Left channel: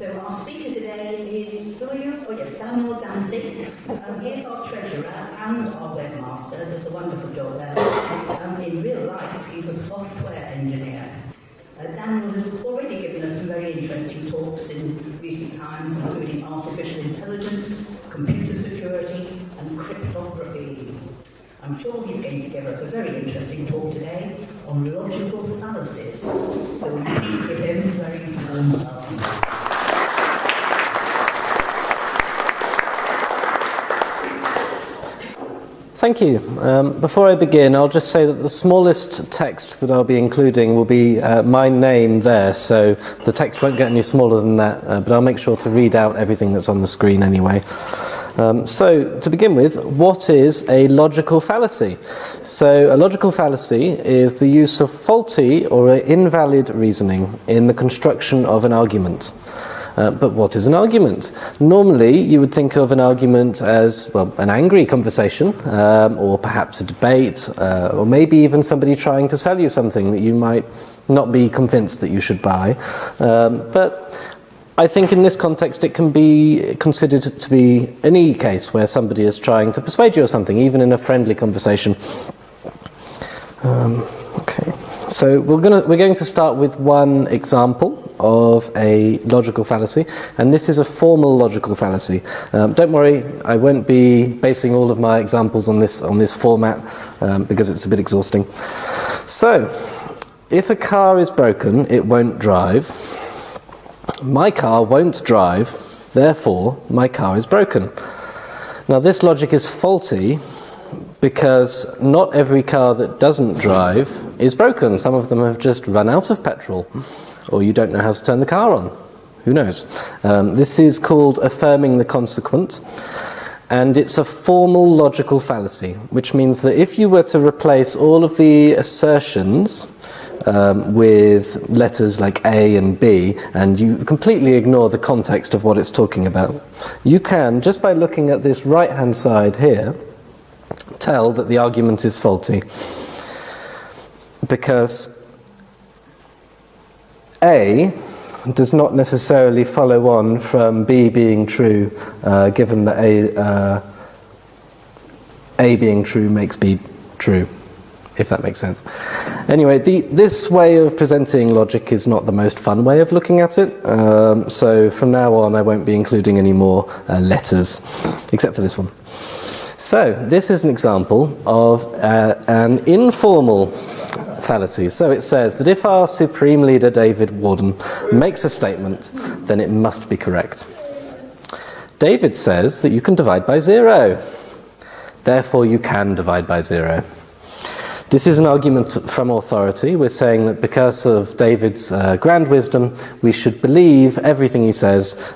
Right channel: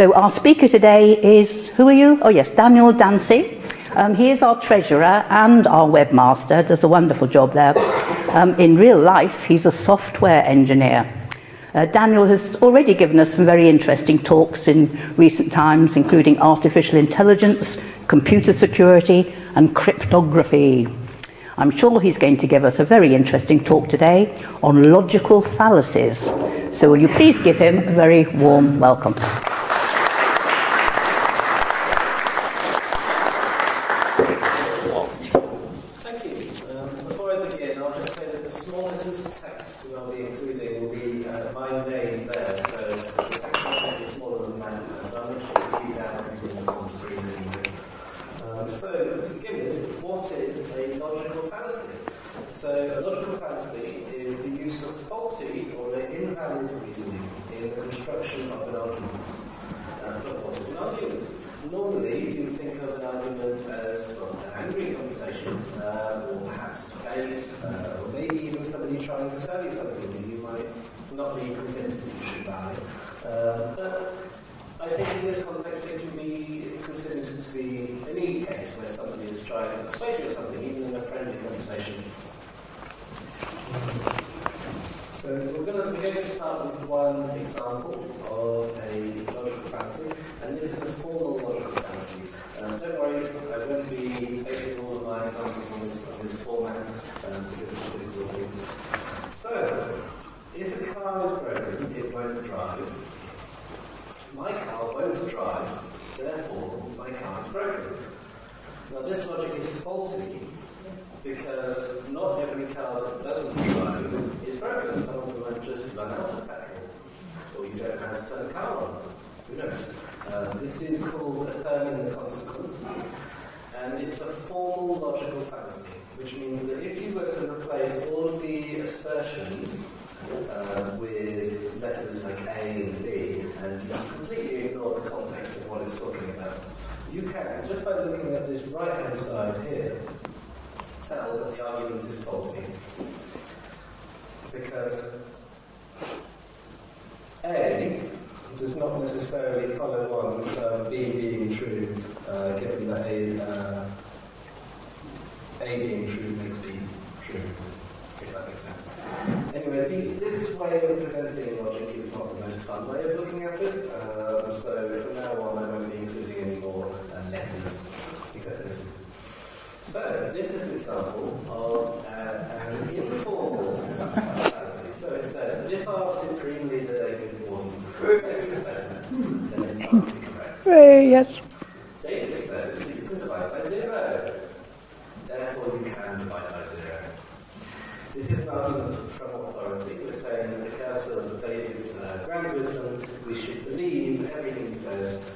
So our speaker today is, who are you? Oh yes, Daniel Dancey. He is our treasurer and our webmaster, does a wonderful job there. In real life, he's a software engineer. Daniel has already given us some very interesting talks in recent times, including artificial intelligence, computer security, and cryptography. I'm sure he's going to give us a very interesting talk today on logical fallacies. So will you please give him a very warm welcome. Thank you. Before I begin, I'll just say that the smallest text that I'll be including will be my name there, so the text won't get any smaller than that, but I'll make sure to read out everything that's on the screen anyway. So, to begin with, what is a logical fallacy? So, a logical fallacy is the use of faulty or invalid reasoning in the construction of an argument. But what is an argument? Normally, you would think of an argument as, well, an angry conversation, or perhaps a debate, or maybe even somebody trying to sell you something that you might not be convinced that you should buy. But I think in this context it can be considered to be any case where somebody is trying to persuade you of something, even in a friendly conversation. Okay. So we're going to start with one example of a logical fallacy, and this is a formal logical fallacy. Don't worry, I won't be basing all of my examples on this format because it's a bit exhausting. So, if a car is broken, it won't drive. My car won't drive, therefore my car is broken. Now this logic is faulty because not every car that doesn't drive is broken. Some of them have just run out of petrol, or you don't know how to turn the car on. Who knows? This is called affirming the consequent, and it's a formal logical fallacy, which means that if you were to replace all of the assertions with letters like A and B, and you completely ignore the context of what it's talking about, you can, just by looking at this right-hand side here, tell that the argument is faulty. Because A does not necessarily follow on from B being true, given that A being true makes B true, if that makes sense. Anyway, this way of presenting logic is not the most fun way of looking at it, so from now on I won't be including any more letters, except for this one. So, this is an example of an informal fallacy. So it says that if our Supreme Leader David Warden makes a statement, then it must be correct. Yes. David says that you can divide by 0. Therefore you can divide by 0. This is an argument from authority. We're saying that because of David's grand wisdom, we should believe everything he says,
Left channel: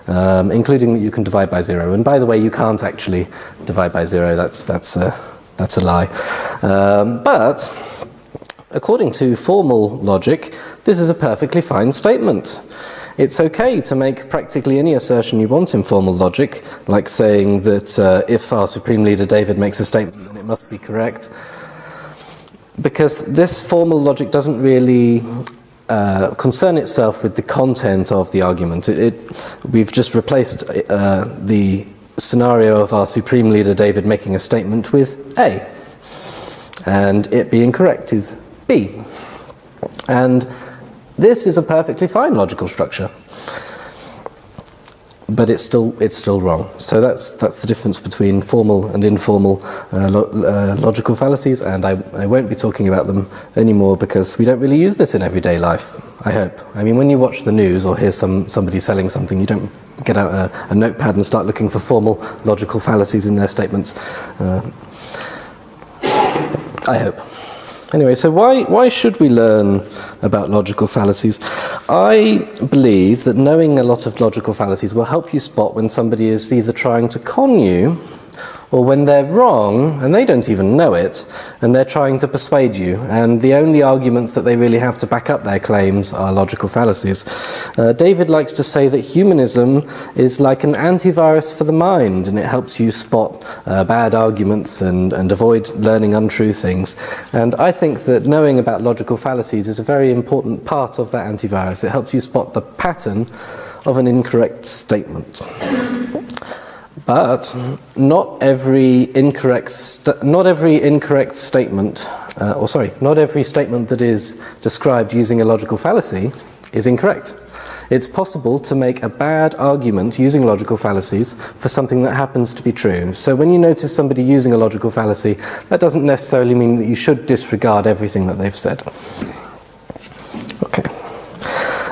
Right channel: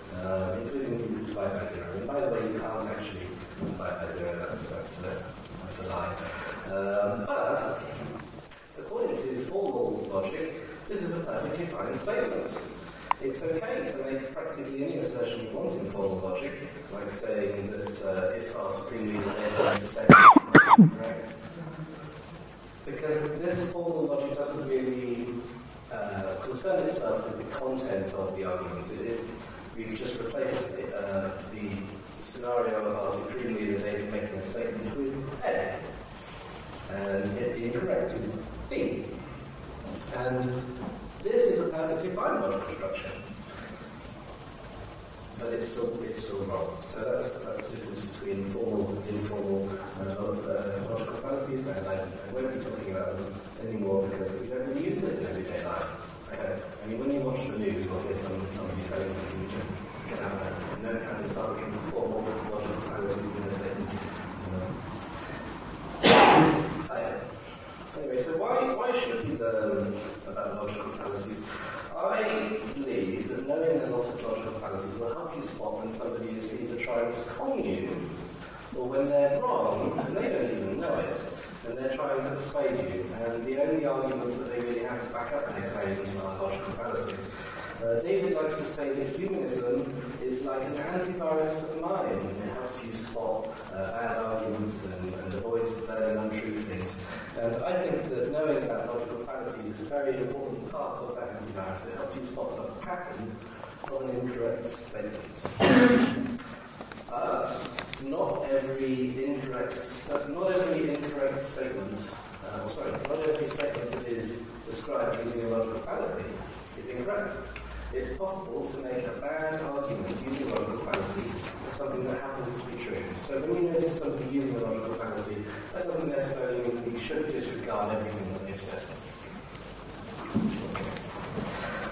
including that you can divide by 0. And by the way, you can't actually divide by 0. That's a lie. But according to formal logic, this is a perfectly fine statement. It's okay to make practically any assertion you want in formal logic, like saying that if our Supreme Leader David makes a statement, it must be correct. Because this formal logic doesn't really concern itself with the content of the argument. We've just replaced the scenario of our Supreme Leader David making a statement with A, and it being correct is B. And this is a perfectly fine logical structure, but it's still wrong. So that's the difference between formal and informal logical fallacies, and I won't be talking about them anymore because we don't really use this in everyday life, I hope. I mean, when you watch the news or hear somebody selling something, you don't get out a notepad and start looking for formal logical fallacies in their statements. I hope. Anyway, so why should we learn about logical fallacies? I believe that knowing a lot of logical fallacies will help you spot when somebody is either trying to con you or when they're wrong and they don't even know it and they're trying to persuade you, and the only arguments that they really have to back up their claims are logical fallacies. David likes to say that humanism is like an antivirus for the mind, and it helps you spot bad arguments and avoid learning untrue things. And I think that knowing about logical fallacies is a very important part of that antivirus. It helps you spot the pattern of an incorrect statement. But not every incorrect statement, not every statement that is described using a logical fallacy is incorrect. It's possible to make a bad argument using logical fallacies for something that happens to be true. So when you notice somebody using a logical fallacy, that doesn't necessarily mean that you should disregard everything that they've said. Okay.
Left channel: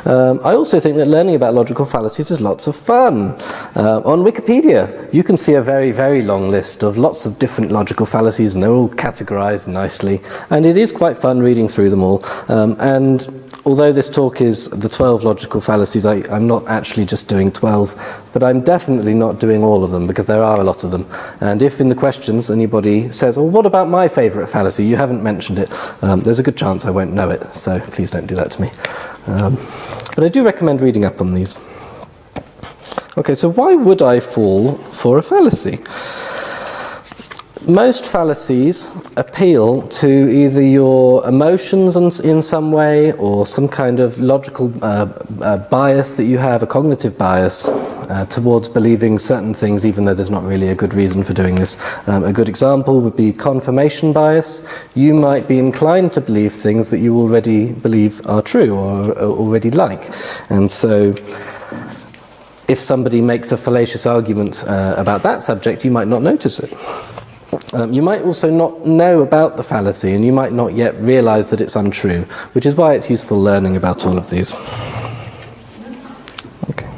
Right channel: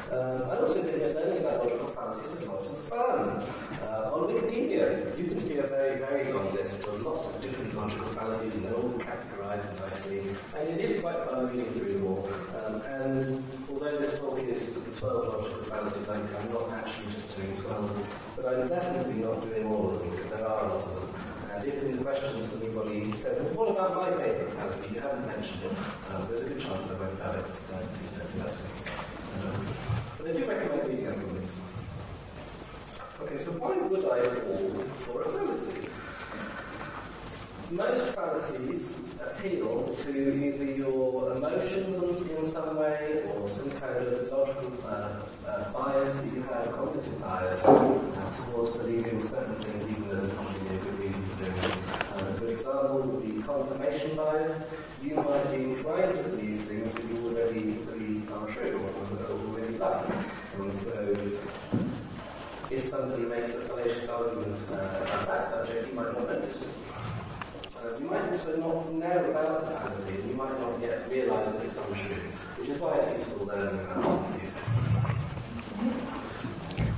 I also think that learning about logical fallacies is lots of fun. On Wikipedia, you can see a very, very long list of lots of different logical fallacies, and they're all categorized nicely. And it is quite fun reading through them all. And although this talk is the 12 logical fallacies, I'm not actually just doing 12, but I'm definitely not doing all of them, because there are a lot of them. And if in the questions anybody says, well, what about my favourite fallacy? You haven't mentioned it. There's a good chance I won't know it, so please don't do that to me. But I do recommend reading up on these. Okay, so why would I fall for a fallacy? Most fallacies appeal to either your emotions in some way, or some kind of logical bias that you have, a cognitive bias towards believing certain things, even though there's not really a good reason for doing this. A good example would be confirmation bias. You might be inclined to believe things that you already believe are true or already like. And so if somebody makes a fallacious argument about that subject, you might not notice it. You might also not know about the fallacy, and you might not yet realize that it's untrue, which is why it's useful learning about all of these. Okay.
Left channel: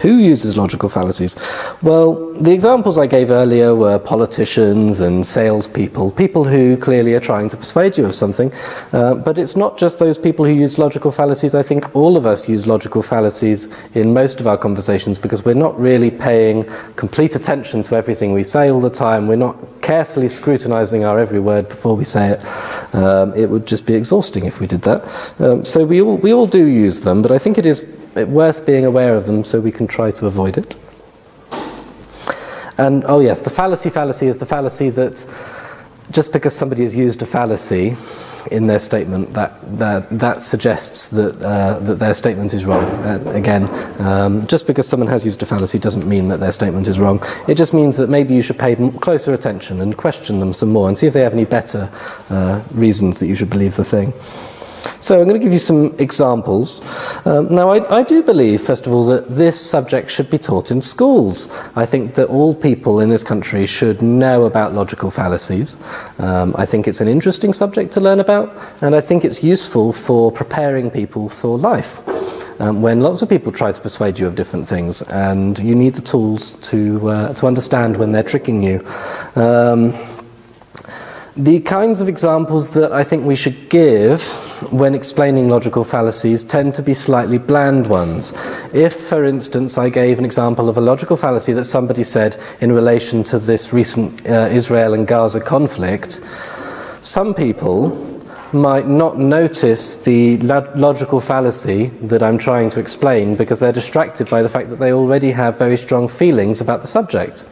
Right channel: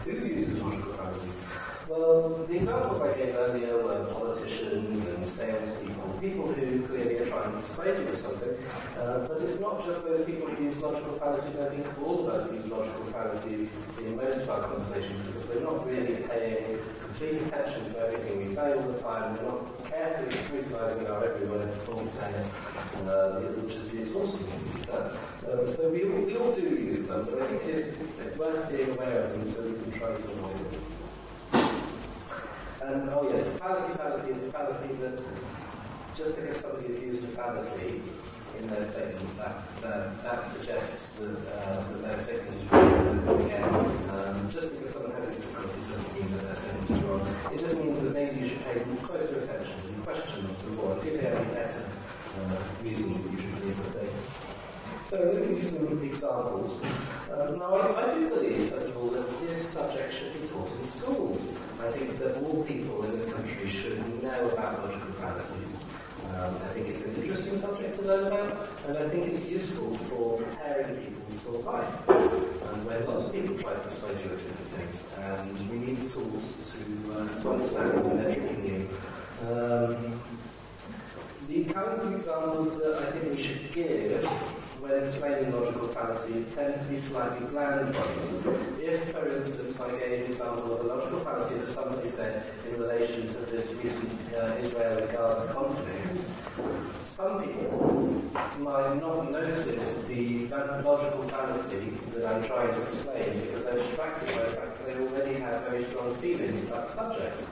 Who uses logical fallacies? Well, the examples I gave earlier were politicians and salespeople, people who clearly are trying to persuade you of something. But it's not just those people who use logical fallacies. I think all of us use logical fallacies in most of our conversations, because we're not really paying complete attention to everything we say all the time. We're not carefully scrutinizing our every word before we say it. It would just be exhausting if we did that. So we all do use them, but I think it is worth being aware of them so we can try to avoid it. And, oh yes, the fallacy is the fallacy that just because somebody has used a fallacy in their statement, that suggests that, that their statement is wrong. Again, just because someone has used a fallacy doesn't mean that their statement is wrong. It just means that maybe you should pay closer attention and question them some more and see if they have any better reasons that you should believe the thing. So I'm going to give you some examples. Now, I do believe, first of all, that this subject should be taught in schools. I think that all people in this country should know about logical fallacies. I think it's an interesting subject to learn about, and I think it's useful for preparing people for life. When lots of people try to persuade you of different things, and you need the tools to understand when they're tricking you. The kinds of examples that I think we should give when explaining logical fallacies tend to be slightly bland ones. If, for instance, I gave an example of a logical fallacy that somebody said in relation to this recent Israel and Gaza conflict, some people might not notice the logical fallacy that I'm trying to explain because they're distracted by the fact that they already have very strong feelings about the subject.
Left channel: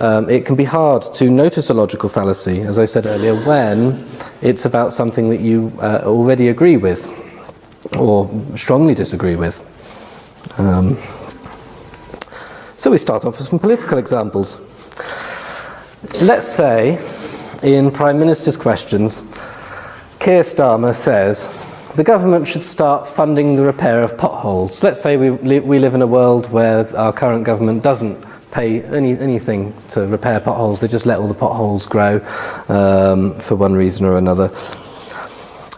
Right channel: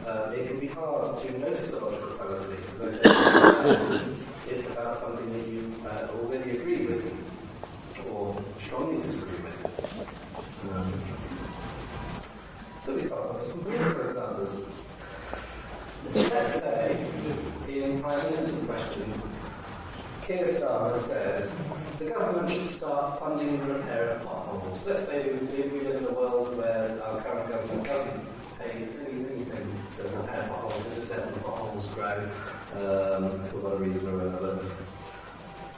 It can be hard to notice a logical fallacy, as I said earlier, when it's about something that you already agree with or strongly disagree with. So we start off with some political examples. Let's say, in Prime Minister's questions, Keir Starmer says the government should start funding the repair of potholes. Let's say we live in a world where our current government doesn't pay anything to repair potholes. They just let all the potholes grow for one reason or another.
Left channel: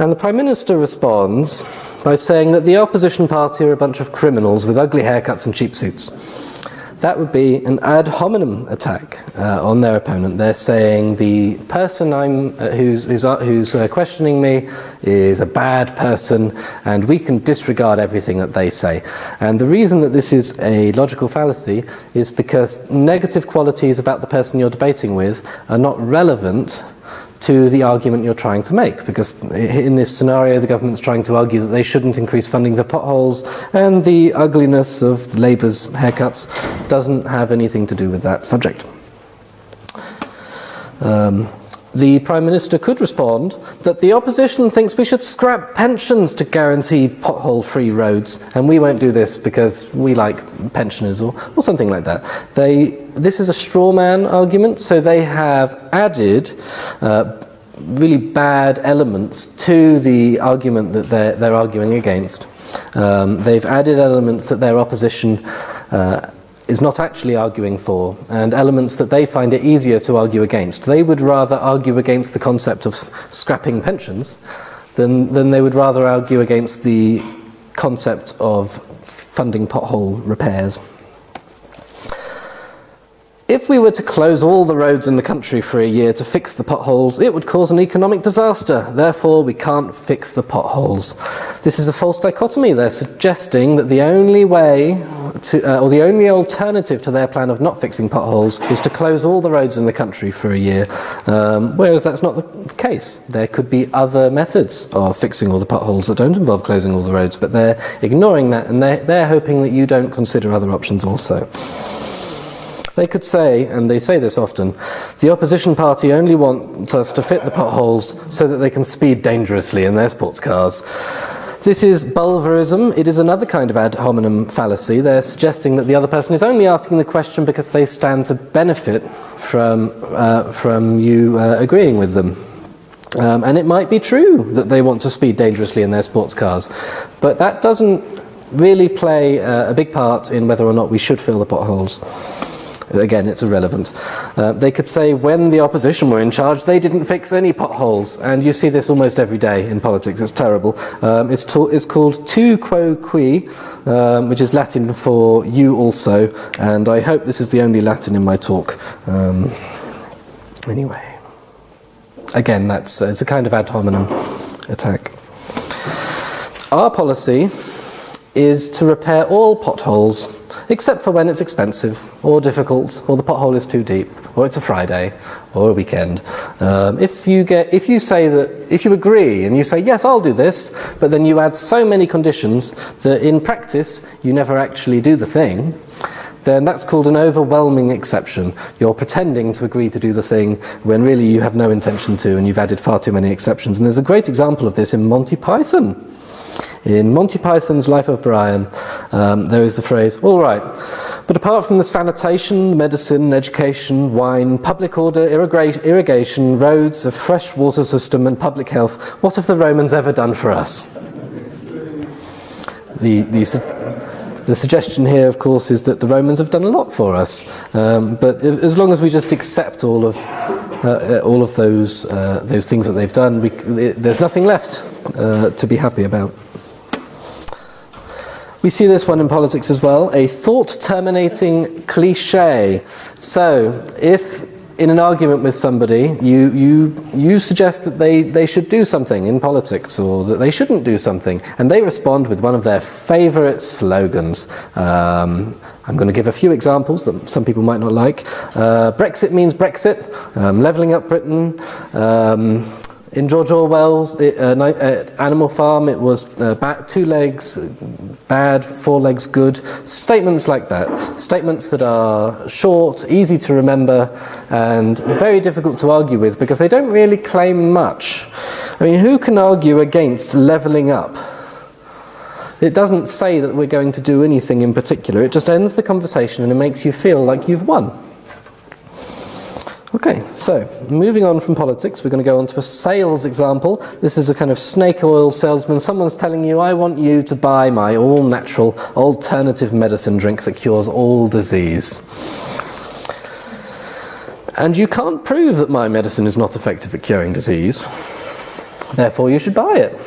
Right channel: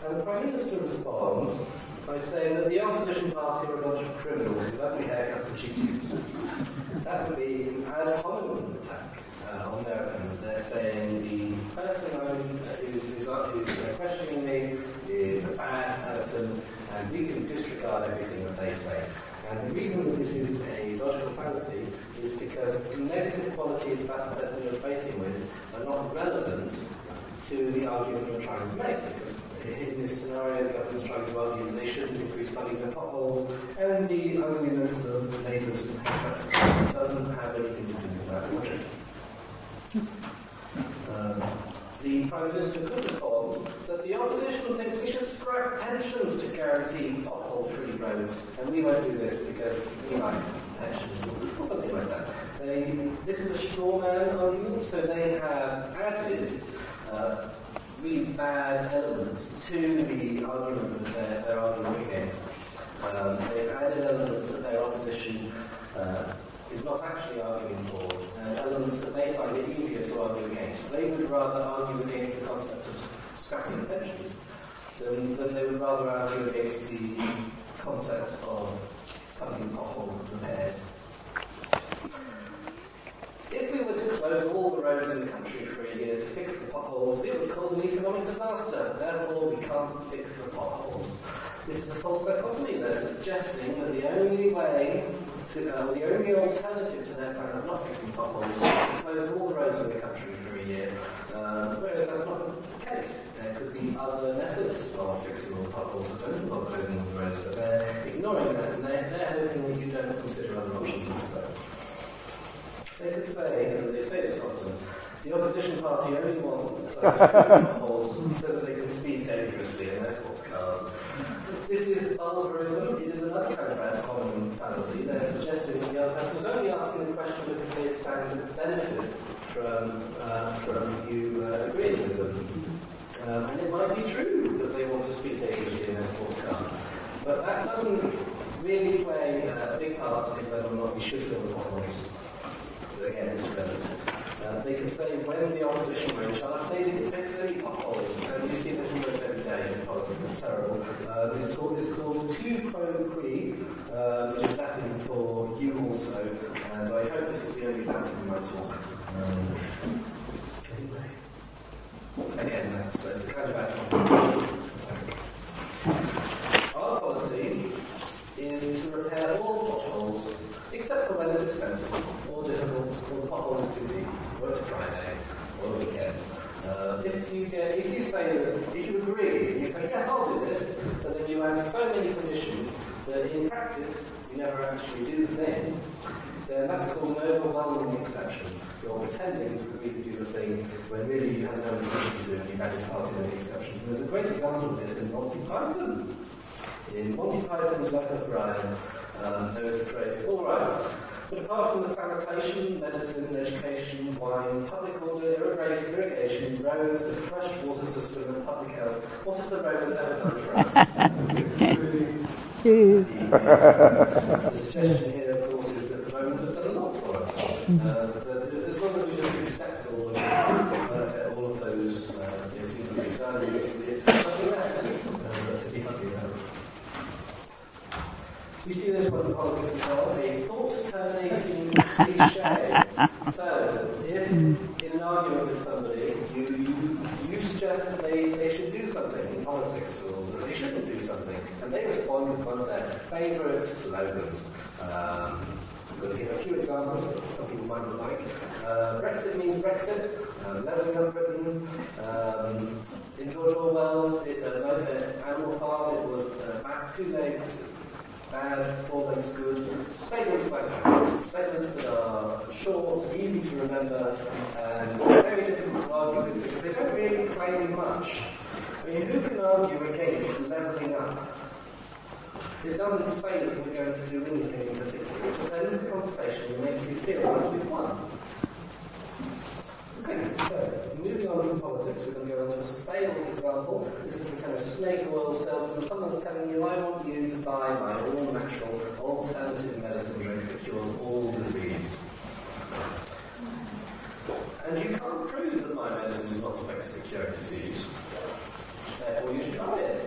And the Prime Minister responds by saying that the opposition party are a bunch of criminals with ugly haircuts and cheap suits. That would be an ad hominem attack on their opponent. They're saying the person who's questioning me is a bad person, and we can disregard everything that they say. And the reason that this is a logical fallacy is because negative qualities about the person you're debating with are not relevant to the argument you're trying to make, because in this scenario the government's trying to argue that they shouldn't increase funding for potholes, and the ugliness of Labour's haircuts doesn't have anything to do with that subject. the Prime Minister could respond that the opposition thinks we should scrap pensions to guarantee pothole-free roads, and we won't do this because we like pensioners, or something like that. This is a straw man argument, so they have added really bad elements to the argument that they're arguing against. They've added elements that their opposition is not actually arguing for, and elements that they find it easier to argue against. They would rather argue against the concept of scrapping pensions than they would rather argue against the concept of funding pothole repairs. If we were to close all the roads in the country for a year to fix the potholes, it would cause an economic disaster. Therefore, we can't fix the potholes. This is a false dichotomy. They're suggesting that the only way or the only alternative to their plan of not fixing potholes is to close all the roads in the country for a year, whereas that's not the case. There could be other methods of fixing all the potholes that don't involve closing all the roads, but they're ignoring that, and they're hoping that you don't consider other options also. They could say, and they say this often, the opposition party only wants us to fit the potholes so that they can speed dangerously in their sports cars. This is bulverism. It is another kind of ad hominem fallacy. They're suggesting that the other person is only asking the question because they stand to benefit from you agreeing with them. And it might be true that they want to speed dangerously in their sports cars, but that doesn't really play a big part in whether or not we should fill the potholes. Again, it's irrelevant. They could say when the opposition were in charge, they didn't fix any potholes. And you see this almost every day in politics. It's terrible. It's called tu quo qui, which is Latin for you also. And I hope this is the only Latin in my talk. Anyway. Again, it's a kind of ad hominem attack. Our policy is to repair all potholes, except for when it's expensive or difficult, or the pothole is too deep, or it's a Friday or a weekend. If you agree and you say yes, I'll do this, but then you add so many conditions that in practice you never actually do the thing, then that's called an overwhelming exception. You're pretending to agree to do the thing when really you have no intention to, and you've added far too many exceptions. And there's a great example of this in Monty Python. In Monty Python's Life of Brian, there is the phrase, all right, but apart from the sanitation, medicine, education, wine, public order, irrigation, roads, a fresh water system and public health, what have the Romans ever done for us? The suggestion here, of course, is that the Romans have done a lot for us, but as long as we just accept all of those things that they've done, there's nothing left to be happy about. We see this one in politics as well, a thought-terminating cliché. So, if in an argument with somebody you suggest that they should do something in politics, or that they shouldn't do something, and they respond with one of their favourite slogans. I'm going to give a few examples that some people might not like. Brexit means Brexit, levelling up Britain. In George Orwell's Animal Farm, it was 2 legs bad, 4 legs good. Statements like that. Statements that are short, easy to remember, and very difficult to argue with because they don't really claim much. I mean, who can argue against levelling up? It doesn't say that we're going to do anything in particular. It just ends the conversation and it makes you feel like you've won. Okay, so moving on from politics, we're going to go on to a sales example. This is a kind of snake oil salesman. Someone's telling you, I want you to buy my all-natural alternative medicine drink that cures all disease. And you can't prove that my medicine is not effective at curing disease. Therefore, you should buy it.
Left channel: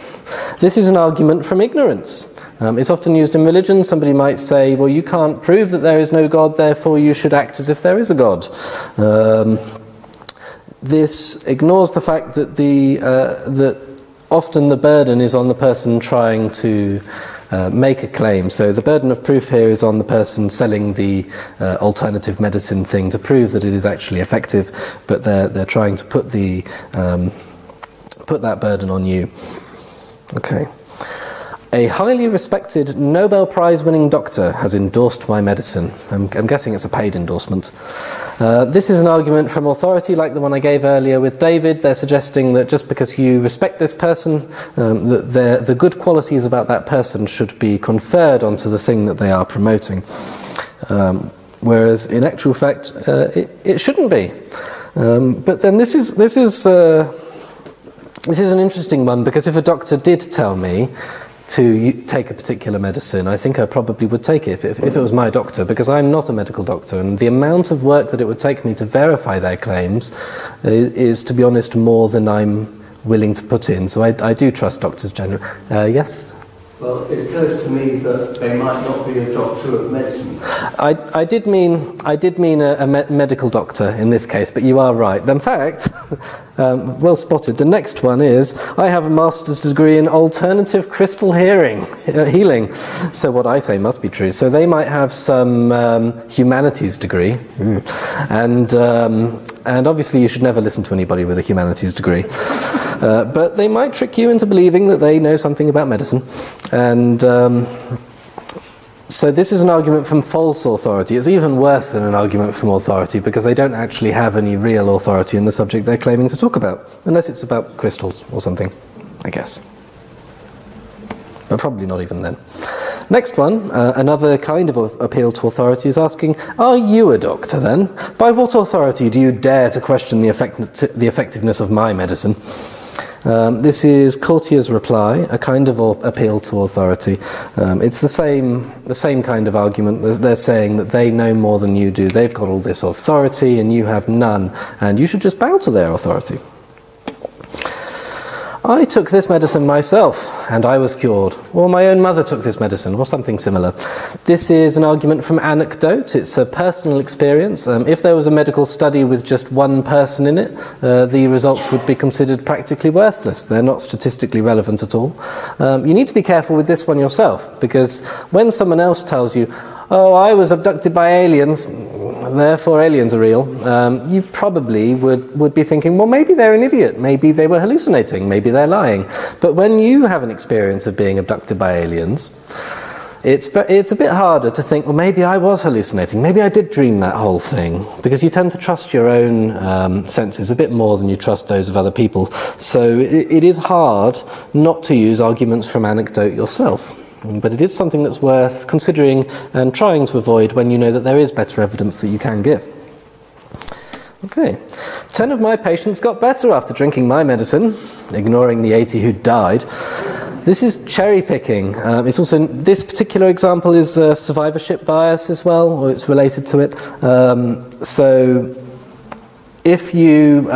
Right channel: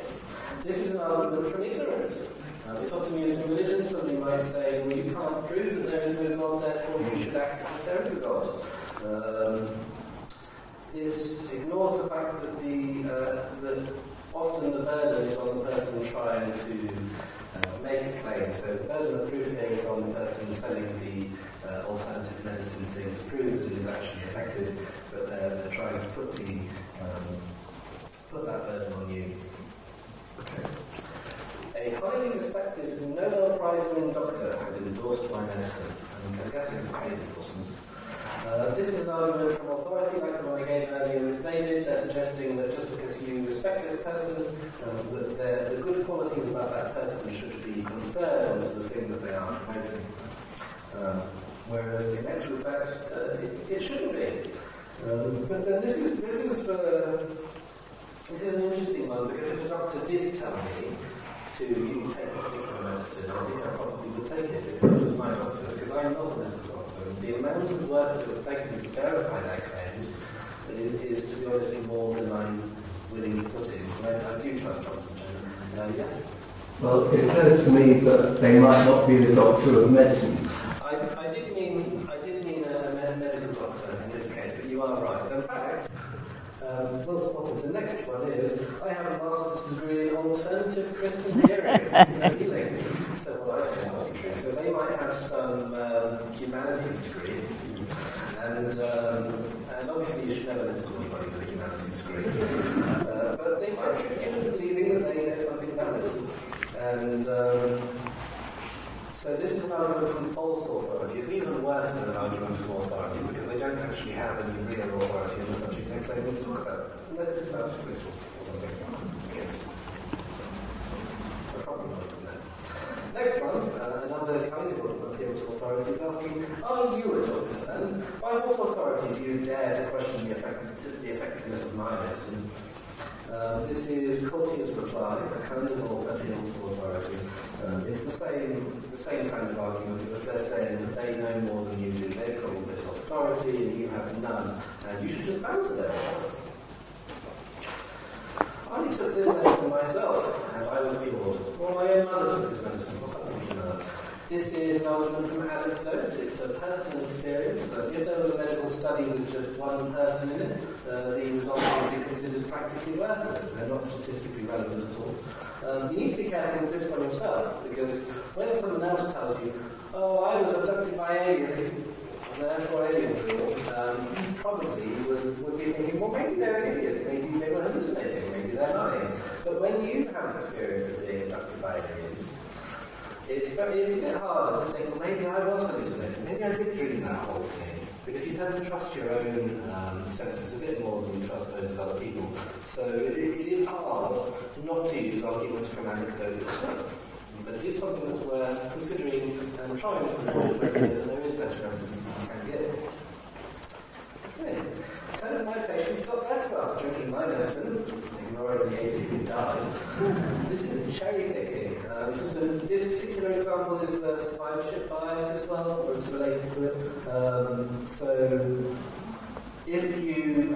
This is an argument from ignorance. It's often used in religion. Somebody might say, well, you can't prove that there is no God, therefore you should act as if there is a God. This ignores the fact that that often the burden is on the person trying to make a claim. So the burden of proof here is on the person selling the alternative medicine thing to prove that it is actually effective, but they're trying to put that burden on you. Okay. A highly respected Nobel Prize-winning doctor has endorsed my medicine. I'm guessing it's a paid endorsement. This is an argument from authority like the one I gave earlier with David. They're suggesting that just because you respect this person, that the good qualities about that person should be conferred onto the thing that they are promoting. Whereas in actual fact, it shouldn't be. But then this is an interesting one, because if a doctor did tell me to take a particular medicine, I think I probably would take it if it was my doctor, because I'm not a medical doctor, and the amount of work that it would take me to verify their claims is, to be honest, more than I'm willing to put in. So I do trust doctors generally. Yes? Well, it occurs to me that they might not be a doctor of medicine. I did mean a medical doctor in this case, but you are right. In fact, well spotted. The next one is, I have a master's degree in alternative crystal healing. So what I say must be true. So they might have some humanities degree, and obviously you should never listen to anybody with a humanities degree. But they might trick you into believing that they know something about medicine. And so this is an argument from false authority. It's even worse than an argument from authority, because they don't actually have any real authority in the subject they're claiming to talk about, unless it's about crystals or something, I guess. But probably not even then. Next one, another kind of appeal to authority, is asking, are you a doctor then? By what authority do you dare to question the effectiveness of my medicine? This is Courtier's reply, a kind of appeal to authority. It's the same kind of argument. They're saying that they know more than you do. They've got all this authority and you have none, and you should just bow to their authority. I took this medicine myself, and I was cured. Or my own mother took this medicine, or something similar. This is an argument from anecdote. It's a personal experience. If there was a medical study with just one person in it, the results would be considered practically worthless. They're not statistically relevant at all. You need to be careful with this one yourself, because when someone else tells you, oh, I was abducted by aliens, therefore aliens are real, you probably would be thinking, well, maybe they're an idiot, maybe they were hallucinating, maybe they're lying. But when you have an experience of being abducted by aliens, it's a bit harder to think, well, maybe I was hallucinating, maybe I did dream that whole thing, because you tend to trust your own senses a bit more than you trust those of other people. So it is hard not to use arguments from anecdote yourself. But it is something that's worth considering and trying to avoid when you know that there is better evidence that you can give. Okay. 10 of my patients got better after drinking my medicine, ignoring the 80 who died. This is cherry picking. It's also, this particular example is survivorship bias as well, or it's related to it. So if you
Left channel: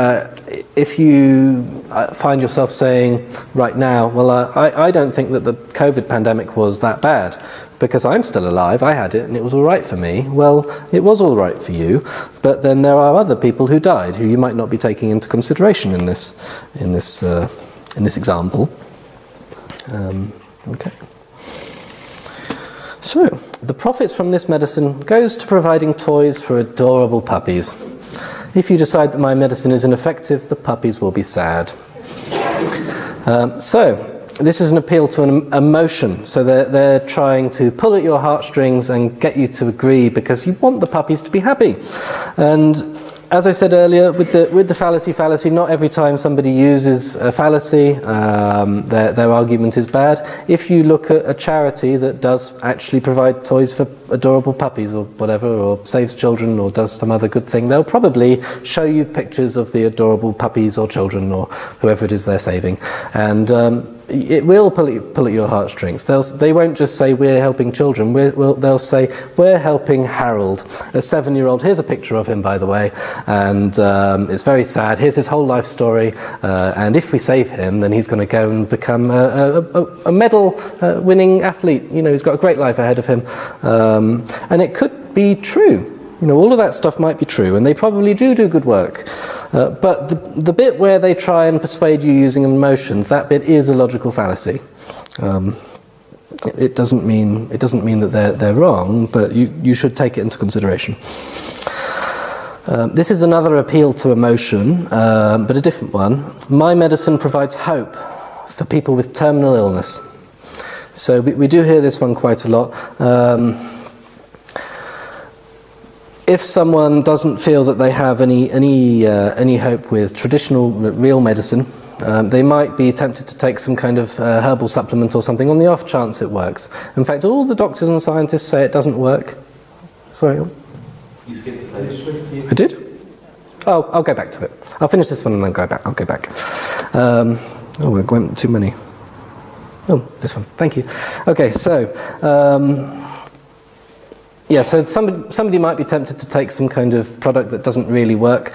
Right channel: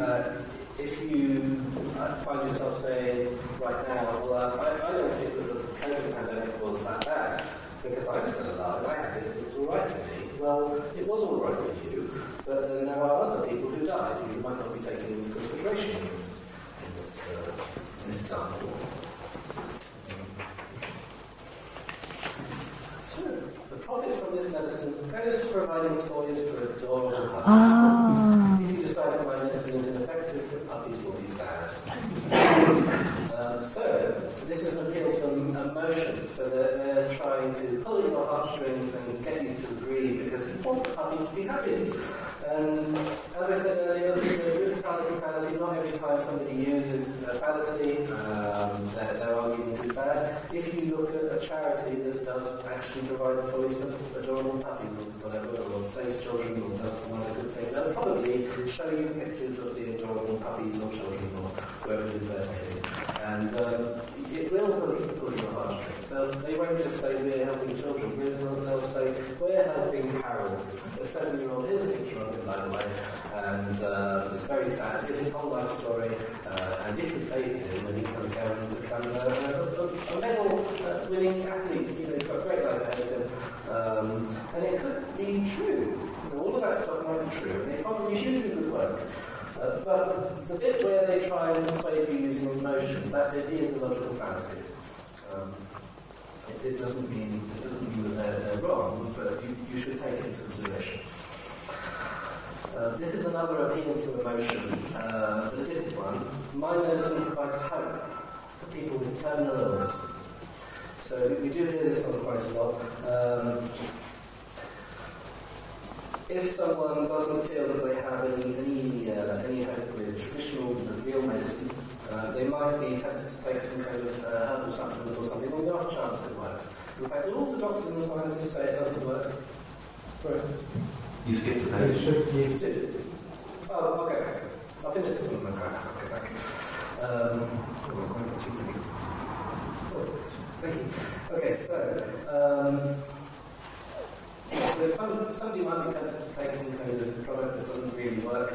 find yourself saying right now, well, I don't think that the COVID pandemic was that bad, because I'm still alive, I had it and it was all right for me. Well, it was all right for you, but then there are other people who died who you might not be taking into consideration in this example. Okay. So the profits from this medicine goes to providing toys for adorable puppies. If you decide that my medicine is ineffective, the puppies will be sad. So this is an appeal to an emotion. So they're trying to pull at your heartstrings and get you to agree, because you want the puppies to be happy. And as I said earlier, with the fallacy, not every time somebody uses a fallacy, their argument is bad. If you look at a charity that does actually provide toys for adorable puppies or whatever, or saves children or does some other good thing, they'll probably show you pictures of the adorable puppies or children or whoever it is they're saving. And it will pull at your heartstrings. They won't just say, we're helping children. They'll say, we're helping Harold, a 7-year-old. Here's a picture of him, by the way. And it's very sad. Here's his whole life story. And if we save him, then he's going to go and become a medal-winning athlete. You know, he's got a great life ahead of him. And it could be true. You know, all of that stuff might be true, and they probably do good work. But the bit where they try and persuade you using emotions, that bit is a logical fallacy. It doesn't mean that they're wrong, but you should take it into consideration. This is another appeal to emotion, but a different one. My medicine provides hope for people with terminal illness. So we do hear this one quite a lot. If someone doesn't feel that they have any hope with traditional real medicine, they might be tempted to take some kind of herbal supplement or something on the off chance it works. In fact, all the doctors and scientists say it doesn't work. Sorry? You skipped the page. I did? Oh, I'll go back to it. I'll finish this one and then go back. I'll go back. Oh, we went too many. Oh, this one. Thank you. Okay, so... yeah, so somebody might be tempted to take some kind of product that doesn't really work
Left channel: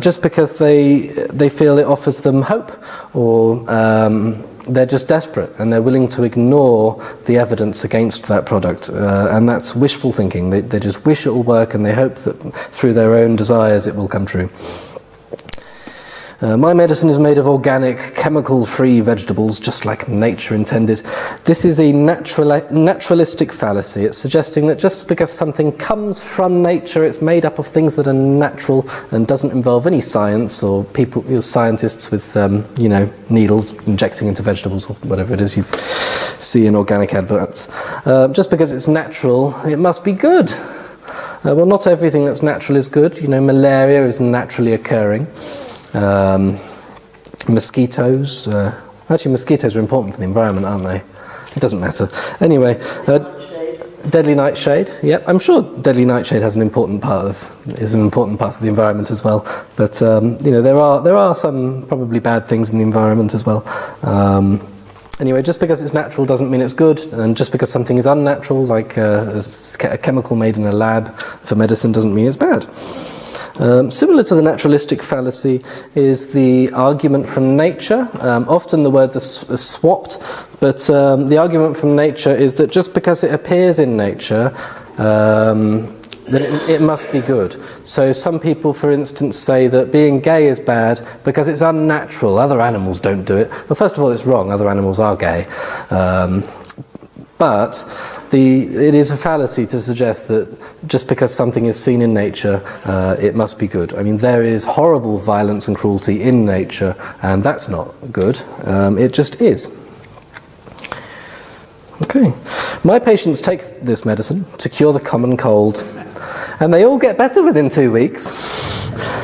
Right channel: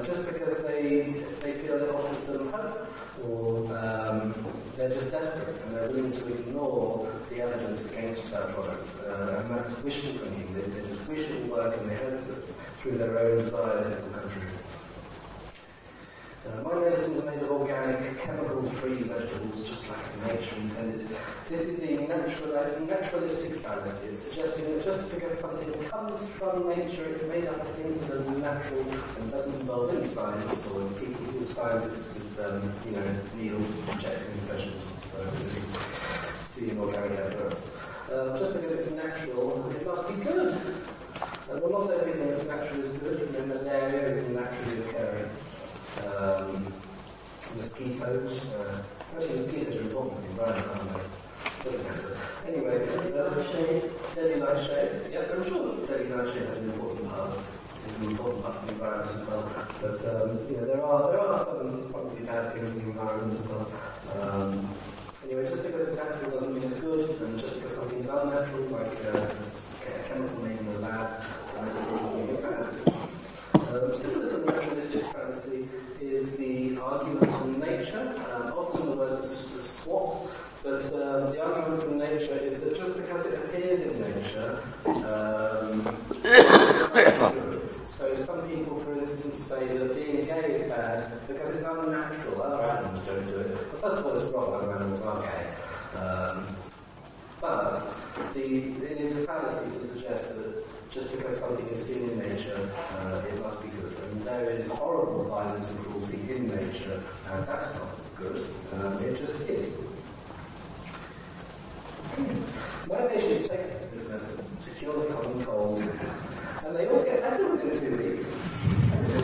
just because they feel it offers them hope, or they're just desperate and they're willing to ignore the evidence against that product. And that's wishful thinking. They just wish it will work and they hope that through their own desires it will come true. My medicine is made of organic, chemical-free vegetables, just like nature intended. This is a naturalistic fallacy. It's suggesting that just because something comes from nature, it's made up of things that are natural and doesn't involve any science or scientists with, needles injecting into vegetables or whatever it is you see in organic adverts. Just because it's natural, it must be good. Well, not everything that's natural is good. You know, malaria is naturally occurring. Mosquitoes, actually mosquitoes are important for the environment, aren't they? It doesn't matter. Anyway, deadly nightshade, yep, I'm sure deadly nightshade is an important part of the environment as well. But there are some probably bad things in the environment as well. Anyway, just because it's natural doesn't mean it's good, and just because something is unnatural, like a chemical made in a lab for medicine, doesn't mean it's bad. Similar to the naturalistic fallacy is the argument from nature. Often the words are swapped, but the argument from nature is that just because it appears in nature, it must be good. So some people, for instance, say that being gay is bad because it's unnatural. Other animals don't do it. Well, first of all, it's wrong. Other animals are gay. But it is a fallacy to suggest that just because something is seen in nature, it must be good. I mean, there is horrible violence and cruelty in nature, and that's not good. It just is. Okay. My patients take this medicine to cure the common cold, and they all get better within 2 weeks.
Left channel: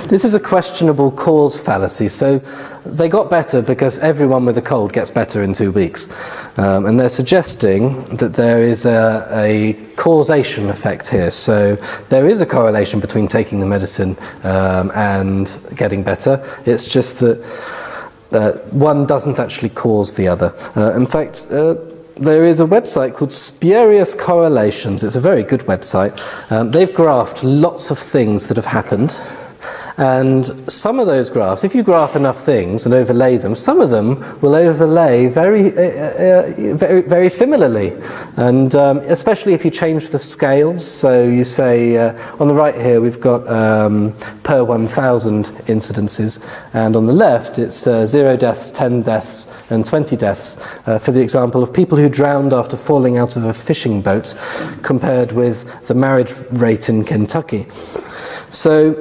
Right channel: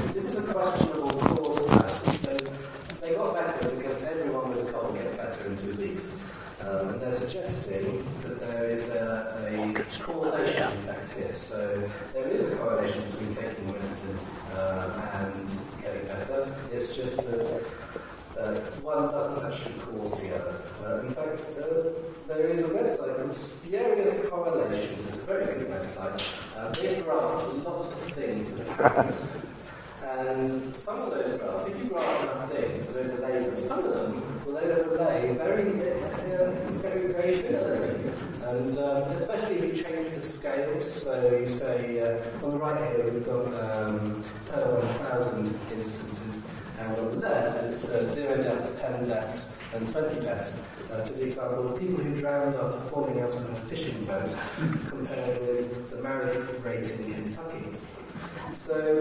This is a questionable cause fallacy. So they got better because everyone with a cold gets better in 2 weeks. And they're suggesting that there is a causation effect here. So there is a correlation between taking the medicine and getting better. It's just that one doesn't actually cause the other. In fact, there is a website called Spurious Correlations. It's a very good website. They've graphed lots of things that have happened. And some of those graphs, if you graph enough things and overlay them, some of them will overlay very similarly. And especially if you change the scales. So you say, on the right here we've got per 1,000 incidences, and on the left it's 0 deaths, 10 deaths and 20 deaths, for the example of people who drowned after falling out of a fishing boat, compared with the marriage rate in Kentucky. So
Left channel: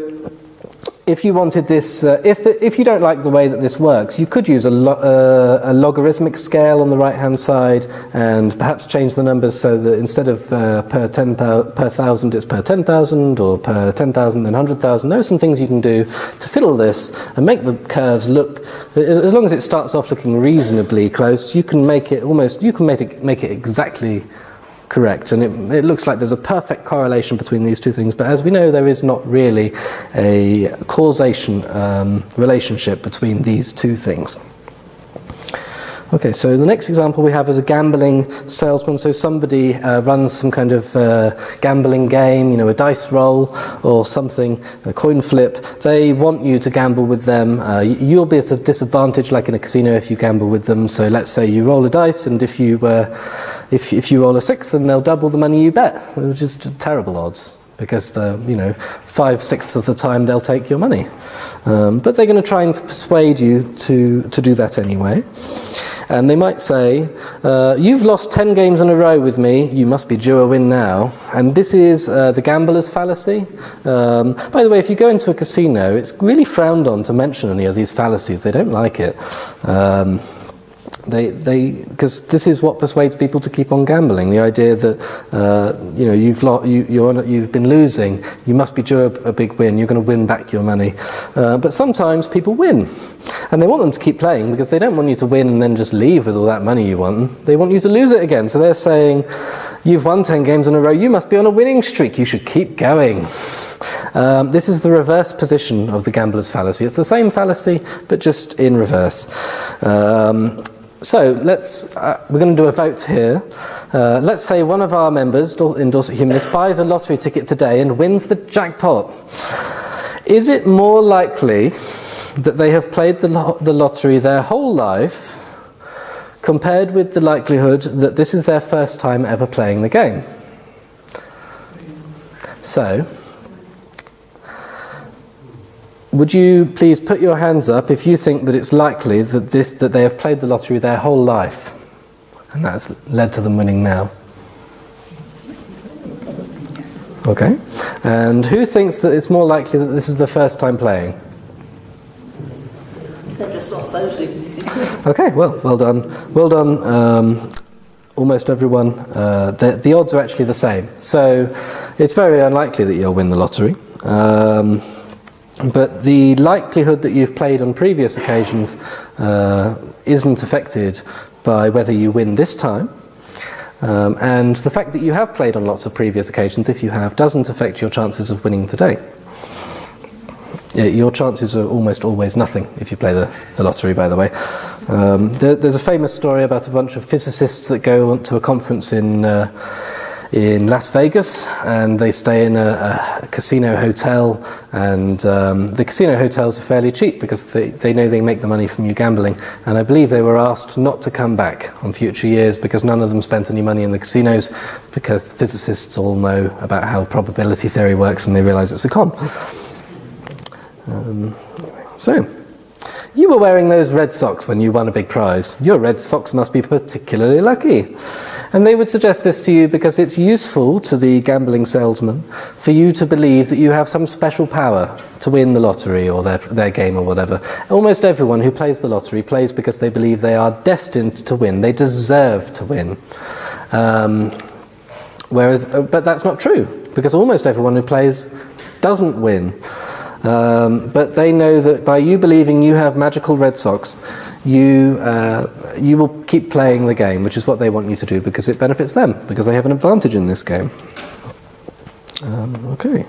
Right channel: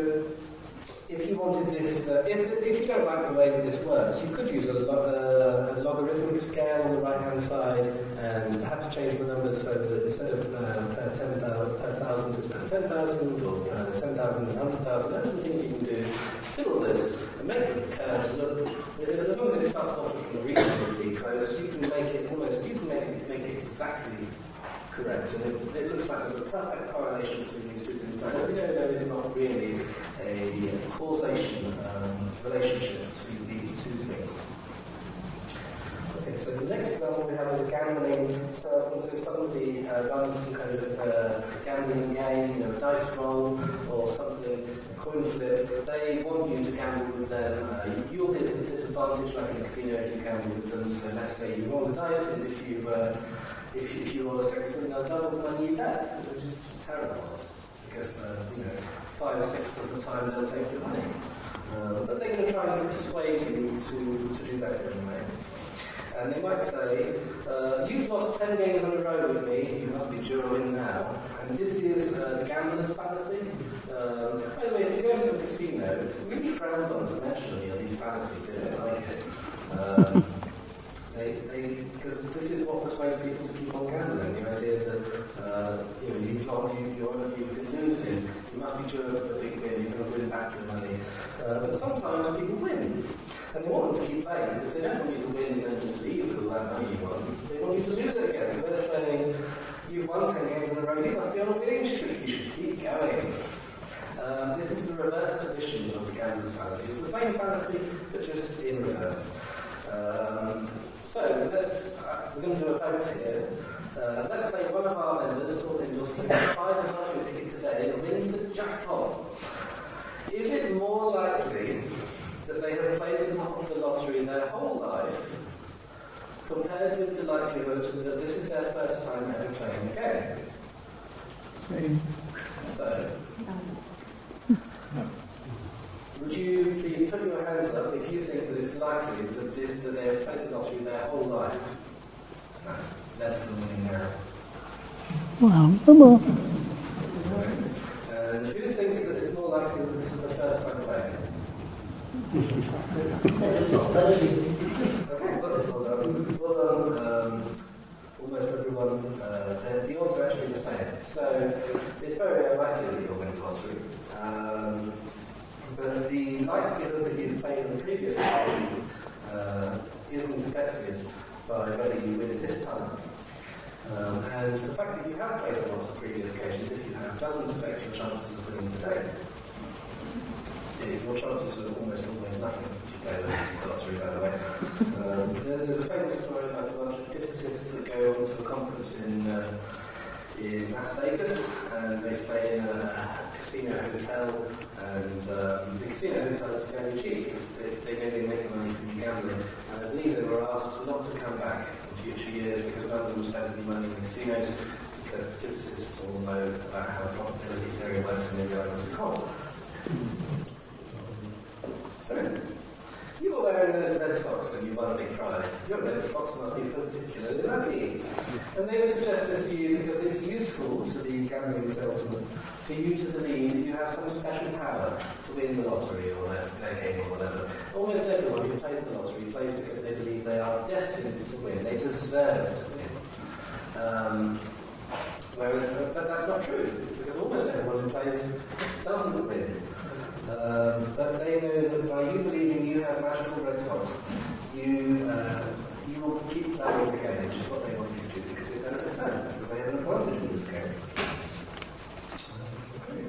if you wanted this, if you don't like the way that this works, you could use a logarithmic scale on the right-hand side, and perhaps change the numbers so that instead of per 1,000, it's per 10,000, or per 10,000 then 100,000. There are some things you can do to fiddle this and make the curves look, as long as it starts off looking reasonably close, you can make it make it exactly correct, and it looks like there's a perfect correlation between these two things, but as we know, there is not really a causation relationship between these two things. Okay, so the next example we have is a gambling salesman. So somebody runs some kind of gambling game, you know, a dice roll or something, a coin flip. They want you to gamble with them. You'll be at a disadvantage, like in a casino, if you gamble with them. So let's say you roll a dice, and if you roll a 6, then they'll double the money you bet, which is terrible odds, because 5/6 of the time they'll take your money. But they're going to try and persuade you to do that anyway. And they might say, you've lost 10 games in a row with me, you must be due a win now. And this is the gambler's fallacy. By the way, if you go into a casino, it's really frowned on to mention any of these fallacies. They don't like it. Because this is what persuades people to keep on gambling. The idea that you know, you've been losing, you must be due a big win. You're going to win back your money. But sometimes people win, and they want them to keep playing because they don't want you to win and then just leave with all that money you won. They want you to lose it again. So they're saying, "You've won 10 games in a row. You must be on a winning streak. You should keep going." This is the reverse position of the gambler's fallacy. It's the same fallacy, but just in reverse. So we're going to do a vote here. Let's say one of our members in Dorset Humanists buys a lottery ticket today and wins the jackpot. Is it more likely that they have played the lottery their whole life compared with the likelihood that this is their first time ever playing the game? So, would you please put your hands up if you think that it's likely that they have played the lottery their whole life, and that's led to them winning now? Okay. And who thinks that it's more likely that this is the first time playing? Okay. Well done. Well done. Almost everyone. The odds are actually the same. So it's very unlikely that you'll win the lottery. But the likelihood that you've played on previous occasions isn't affected by whether you win this time. And the fact that you have played on lots of previous occasions, if you have, doesn't affect your chances of winning today. Your chances are almost always nothing if you play the lottery, by the way. There's a famous story about a bunch of physicists that go to a conference in Las Vegas, and they stay in a casino hotel, and the casino hotels are fairly cheap because they know they make the money from you gambling, and I believe they were asked not to come back on future years because none of them spent any money in the casinos, because physicists all know about how probability theory works and they realise it's a con. So, you were wearing those red socks when you won a big prize. Your red socks must be particularly lucky. And they would suggest this to you because it's useful to the gambling salesman for you to believe that you have some special power to win the lottery or their game or whatever. Almost everyone who plays the lottery plays because they believe they are destined to win. They deserve to win. But that's not true, because almost everyone who plays doesn't win. But they know that by you believing you have magical red socks, you will keep playing the game, which is what they want you to do, because it benefits them, because they have an advantage in this game. Okay.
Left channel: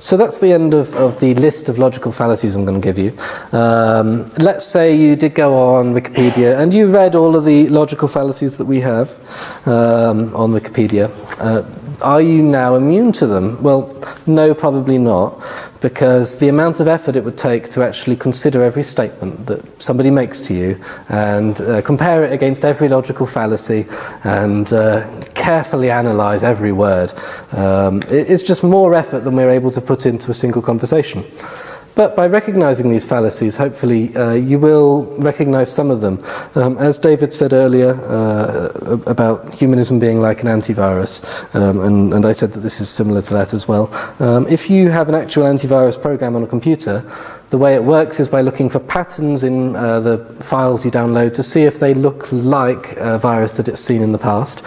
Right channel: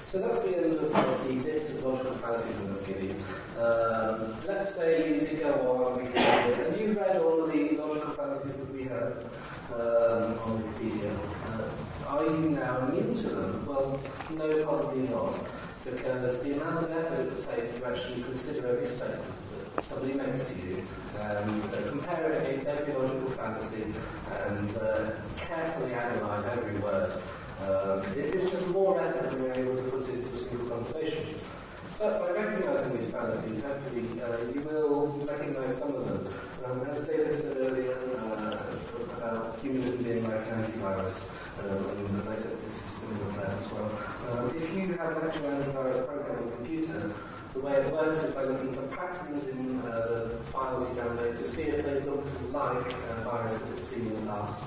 So that's the end of the list of logical fallacies I'm going to give you. Let's say you did go on Wikipedia and you read all of the logical fallacies that we have on Wikipedia. Are you now immune to them? Well, no, probably not, because the amount of effort it would take to actually consider every statement that somebody makes to you and compare it against every logical fallacy and carefully analyse every word, it's just more effort than we're able to put into a single conversation. But by recognising these fallacies, hopefully you will recognise some of them. As David said earlier about humanism being like an antivirus, and I said that this is similar to that as well. If you have an actual antivirus program on a computer, the way it works is by looking for patterns in the files you download to see if they look like a virus that it's seen in the past.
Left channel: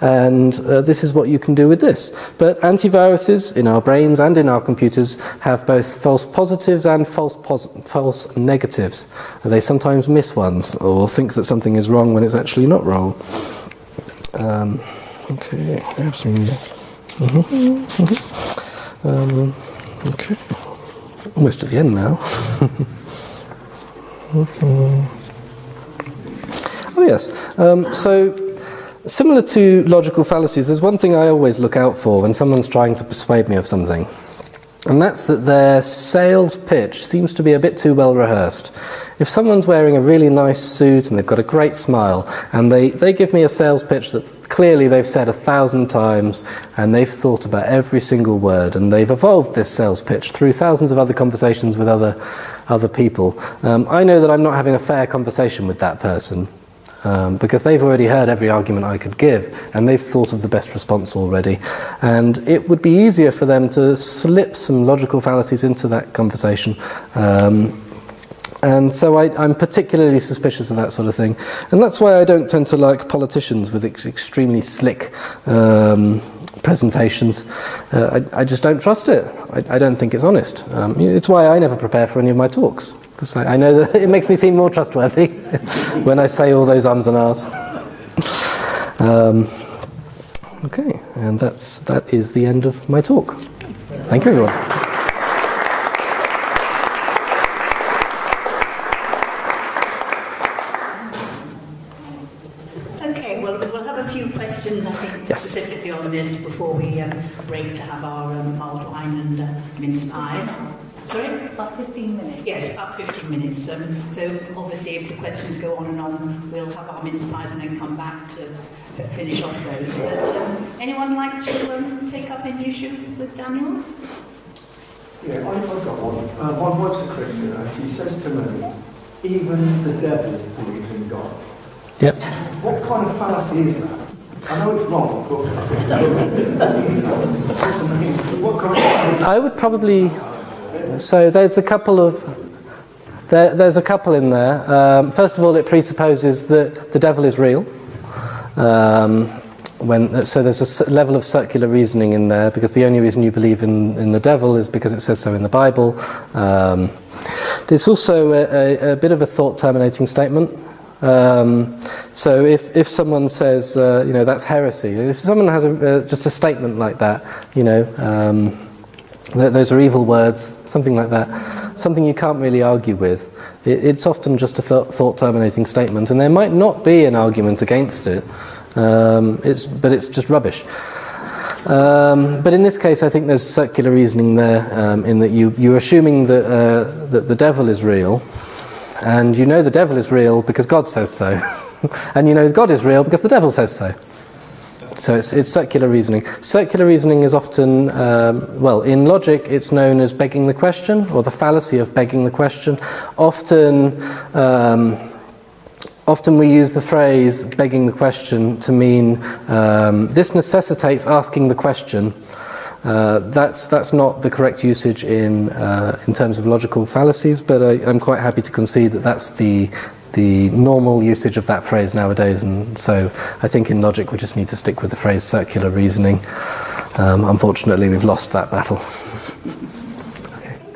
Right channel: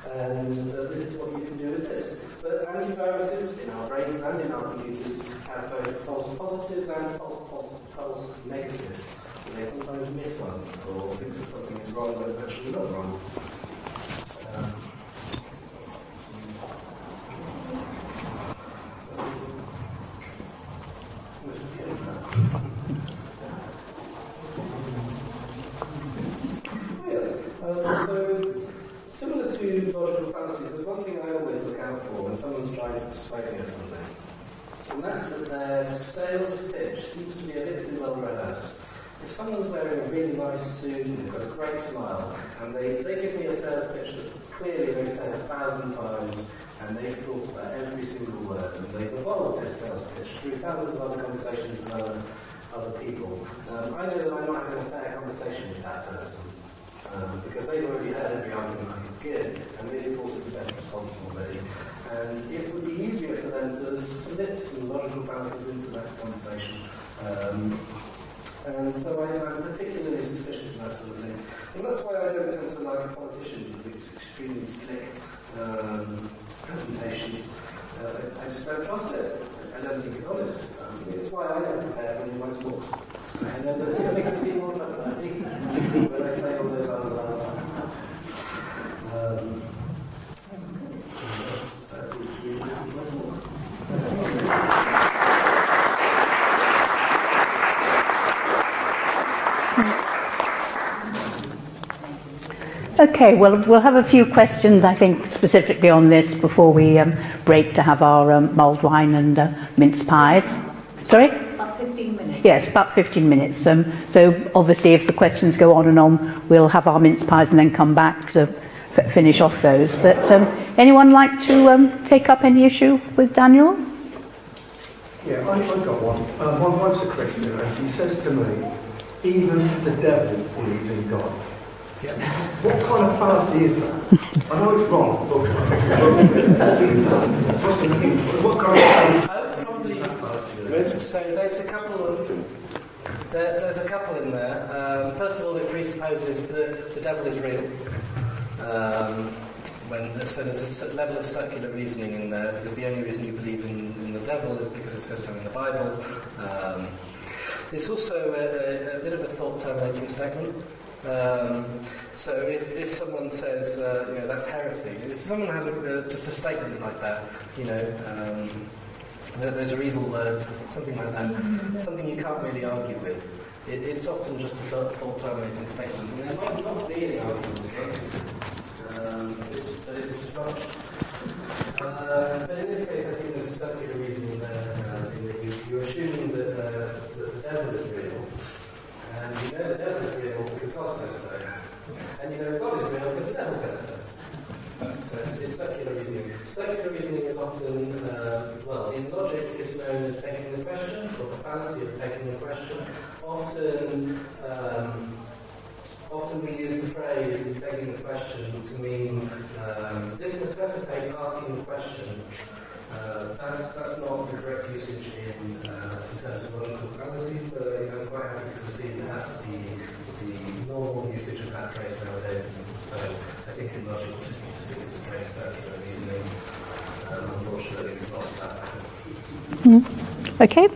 And this is what you can do with this. But antiviruses in our brains and in our computers have both false positives and false negatives. They sometimes miss ones or think that something is wrong when it's actually not wrong. Okay, I have some... okay, almost at the end now. Oh yes, so similar to logical fallacies, there's one thing I always look out for when someone's trying to persuade me of something, and that's that their sales pitch seems to be a bit too well rehearsed. If someone's wearing a really nice suit and they've got a great smile, and they give me a sales pitch that clearly they've said 1,000 times and they've thought about every single word, and they've evolved this sales pitch through thousands of other conversations with other people, I know that I'm not having a fair conversation with that person. Because they've already heard every argument I could give, and they've thought of the best response already. And it would be easier for them to slip some logical fallacies into that conversation And so I'm particularly suspicious of that sort of thing. And that's why I don't tend to like politicians with extremely slick presentations. I just don't trust it. I don't think it's honest. It's why I never prepare for any of my talks, because I know that it makes me seem more trustworthy when I say all those ums and ahs. Okay, and that is the end of my talk. Thank you, everyone. Okay, well, we'll have a few questions, I think, specifically on this before we break to have our mulled wine and mince pies. Sorry? About 15 minutes. Yes, about 15 minutes. So obviously if the questions go on and on, we'll have our mince pies and then come back to finish off those. But anyone like to take up any issue with Daniel? Yeah, I've got one. My wife's a Christian, and she says to me, even the devil believes in God. Yep. What kind of fallacy is that? I know it's wrong, but what is that? What's the meaning? What kind of I would probably... So there's a couple of... There's a couple in there. First of all, it presupposes that the devil is real. So there's a level of circular reasoning in there, because the only reason you believe in the devil is because it says so in the Bible. There's also a bit of a thought-terminating statement. So if someone says, you know, that's heresy, if someone has just a statement like that, you know, those are evil words, something like that, something you can't really argue with, it's often just a thought-terminating statement, and there might not be an argument against it, but it's just rubbish. But in this case, I think there's circular reasoning there, in that you're assuming that the devil is real, and you know the devil is real because God says so. And you know God is real because the devil says so. So it's circular reasoning. Circular reasoning is often, well, in logic it's known as begging the question, or the fallacy of begging the question. Often we use the phrase begging the question to mean this necessitates asking the question. That's not the correct usage in terms of logical fallacies, but I'm quite happy to concede that that's the normal usage of that phrase nowadays, and so I think in logic we just need to stick with the phrase circular reasoning. Unfortunately, we've lost that battle. Okay.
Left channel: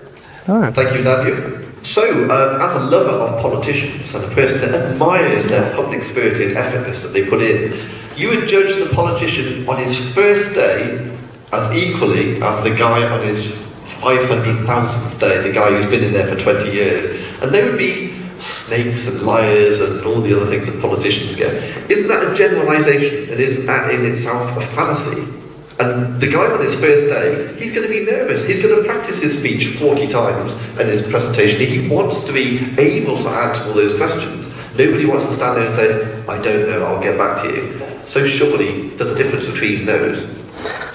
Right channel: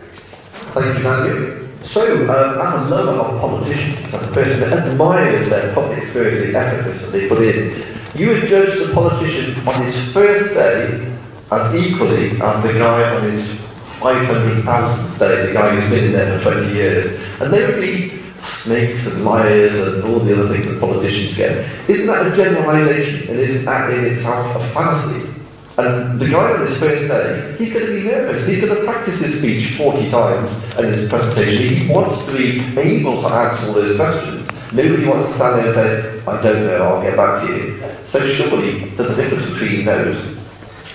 All right. Thank you, Daniel. So, as a lover of politicians and a person that admires their public-spirited effortness that they put in, you would judge the politician on his first day as equally as the guy on his 500,000th day, the guy who's been in there for 20 years, and they would be snakes and liars and all the other things that politicians get. Isn't that a generalisation, and isn't that in itself a fallacy? And the guy on his first day, he's going to be nervous. He's going to practice his speech 40 times in his presentation. He wants to be able to answer all those questions. Nobody wants to stand there and say, I don't know, I'll get back to you. So surely there's a difference between those.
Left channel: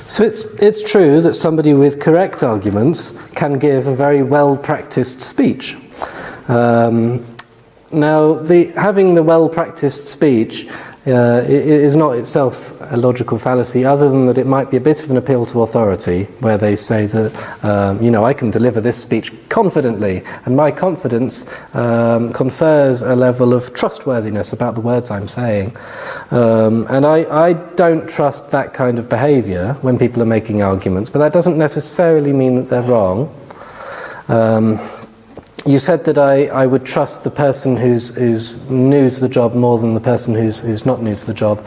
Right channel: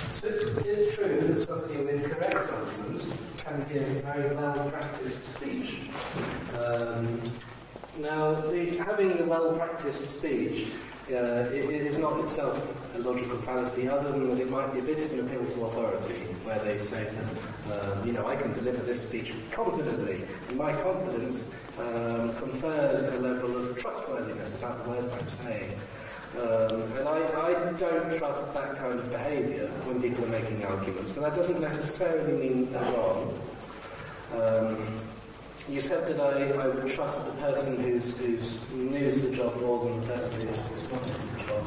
So it's true that somebody with correct arguments can give a very well-practiced speech. Now, having the well-practiced speech is not itself a logical fallacy, other than that it might be a bit of an appeal to authority, where they say that, you know, I can deliver this speech confidently, and my confidence confers a level of trustworthiness about the words I'm saying. And I don't trust that kind of behaviour when people are making arguments, but that doesn't necessarily mean that they're wrong. You said that I would trust the person who's new to the job more than the person who's not new to the job,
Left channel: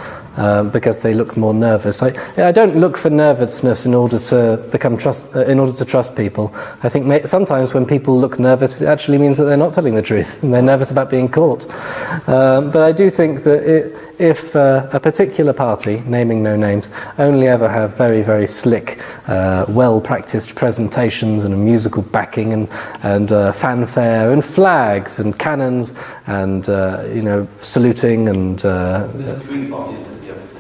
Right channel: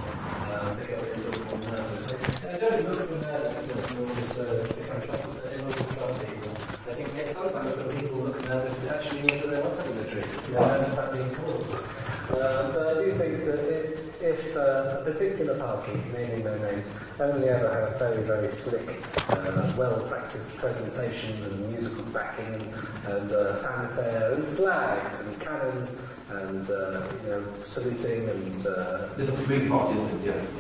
because they look more nervous. I don't look for nervousness in order to trust people. I think sometimes when people look nervous, it actually means that they're not telling the truth and they're nervous about being caught. But I do think that if a particular party, naming no names, only ever have very, very slick, well-practiced presentations and a musical backing and fanfare and flags and cannons and you know, saluting and This is the Green Party, isn't it?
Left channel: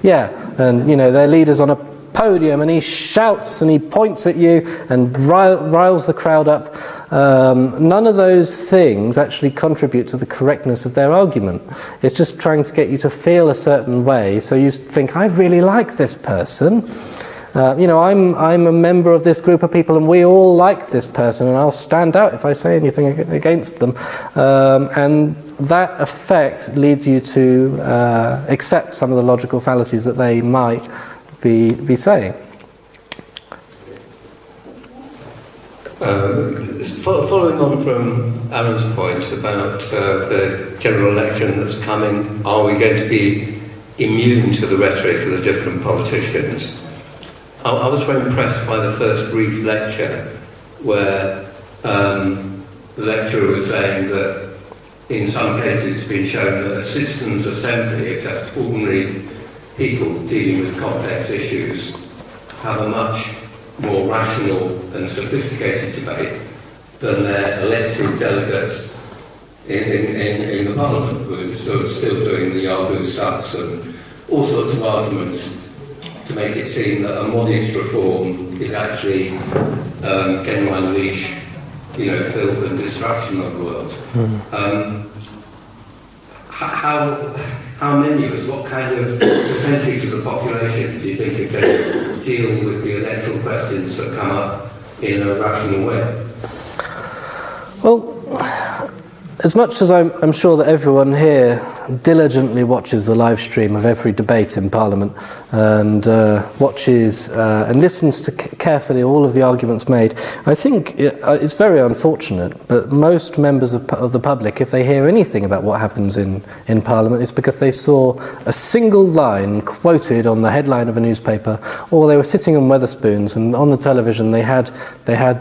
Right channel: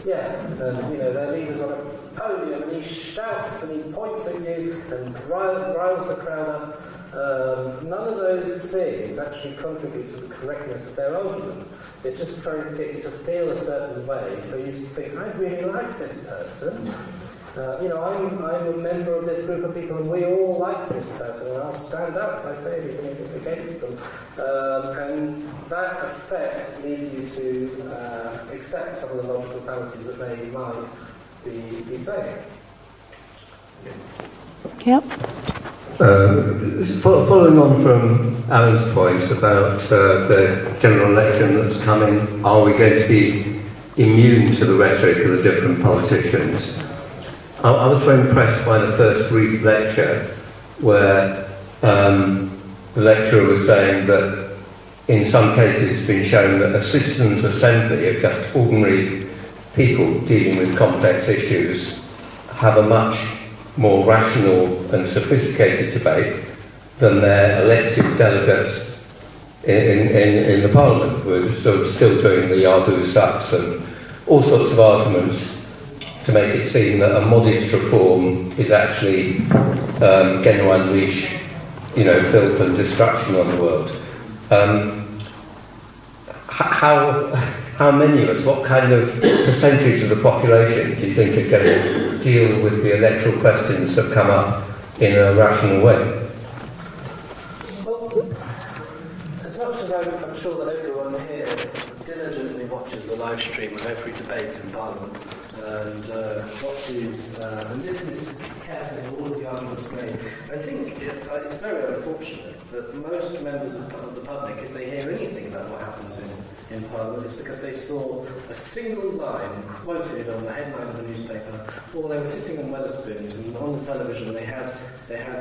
yeah, and you know, their leader's on a podium and he shouts and he points at you and riles the crowd up. None of those things actually contribute to the correctness of their argument. It's just trying to get you to feel a certain way, so you think, I really like this person. You know, I'm a member of this group of people and we all like this person and I'll stand out if I say anything against them. And that effect leads you to accept some of the logical fallacies that they might be saying. Yep. Following on from Aaron's point about the general election that's coming, are we going to be immune to the rhetoric of the different politicians? I was very impressed by the first brief lecture where the lecturer was saying that in some cases it's been shown that a citizens' assembly of just ordinary people dealing with complex issues have a much more rational and sophisticated debate than their elected delegates in the Parliament, who are still doing the Yahoo sucks and all sorts of arguments to make it seem that a modest reform is actually going to unleash, you know, filth and destruction on the world. How many of us, what kind of percentage of the population do you think are going to deal with the electoral questions that come up in a rational way? Well, as much as I'm sure that everyone here diligently watches the live stream of every debate in Parliament and watches and listens to carefully all of the arguments made, I think it's very unfortunate, but most members of the public, if they hear anything about what happens in Parliament, it's because they saw a single line quoted on the headline of a newspaper, or they were sitting on Wetherspoons and on the television they have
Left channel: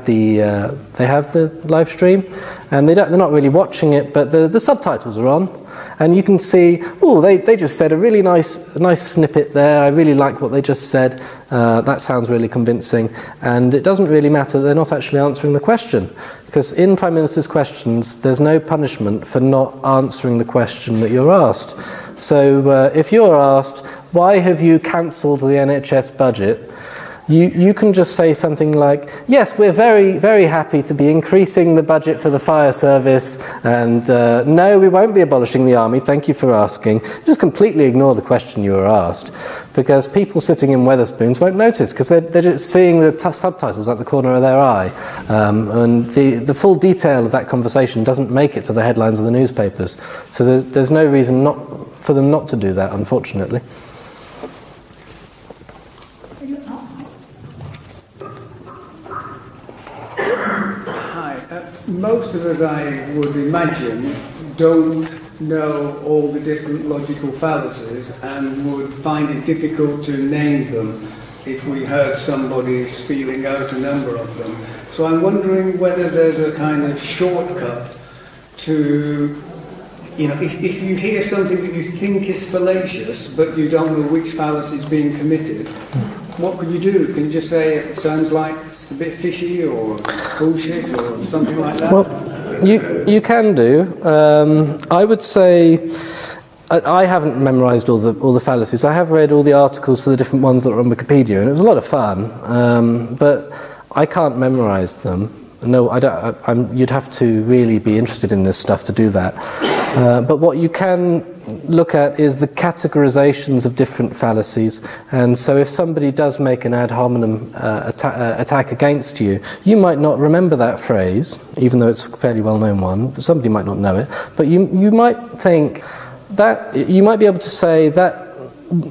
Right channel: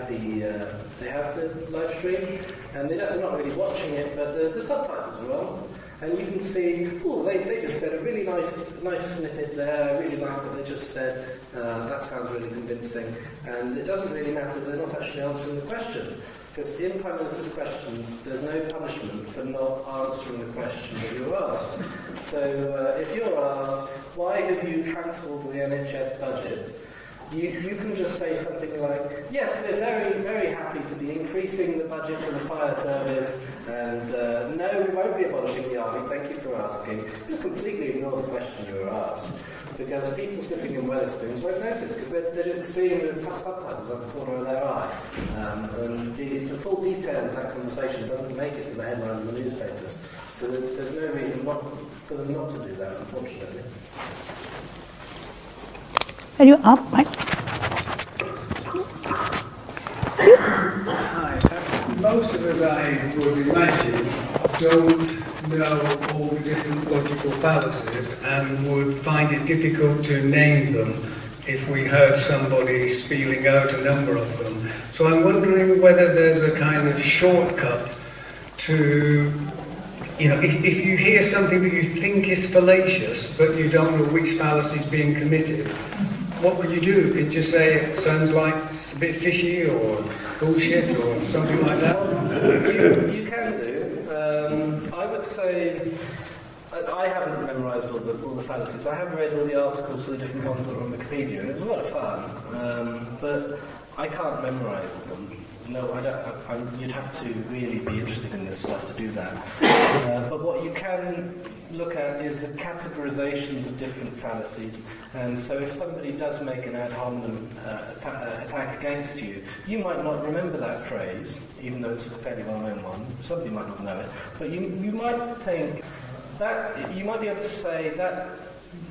the live stream, and they're not really watching it, but the subtitles are on, and you can see, oh, they just said a really nice snippet there. I really like what they just said. That sounds really convincing, and it doesn't really matter. They're not actually answering the question, because in Prime Minister's questions, there's no punishment for not answering the question that you're asked. So if you're asked, why have you cancelled the NHS budget? You can just say something like, yes, we're very, very happy to be increasing the budget for the fire service, and no, we won't be abolishing the army, thank you for asking. Just completely ignore the question you were asked, because people sitting in Wetherspoons won't notice, because they're just seeing the subtitles at the corner of their eye. And the full detail of that conversation doesn't make it to the headlines of the newspapers. So there's no reason for them not to do that, unfortunately. Are you up, Mike? Hi. Most of us, I would imagine, don't know all the different logical fallacies and would find it difficult to name them if we heard somebody spelling out a number of them. So I'm wondering whether there's a kind of shortcut to, you know, if you hear something that you think is fallacious but you don't know which fallacy is being committed, what could you do? Can you just say it sounds like it's a bit fishy or bullshit or something like that? Well, you can do. I would say I haven't memorised all the fallacies. I have read all the articles for the different ones that are on Wikipedia, and it was a lot of fun. But I can't memorise them. No, I don't. You'd have to really be interested in this stuff to do that. But what you can look at is the categorizations of different fallacies. And so if somebody does make an ad hominem attack against you, you might not remember that phrase, even though it's a fairly well-known one. Somebody might not know it. But you might think that, you might be able to say that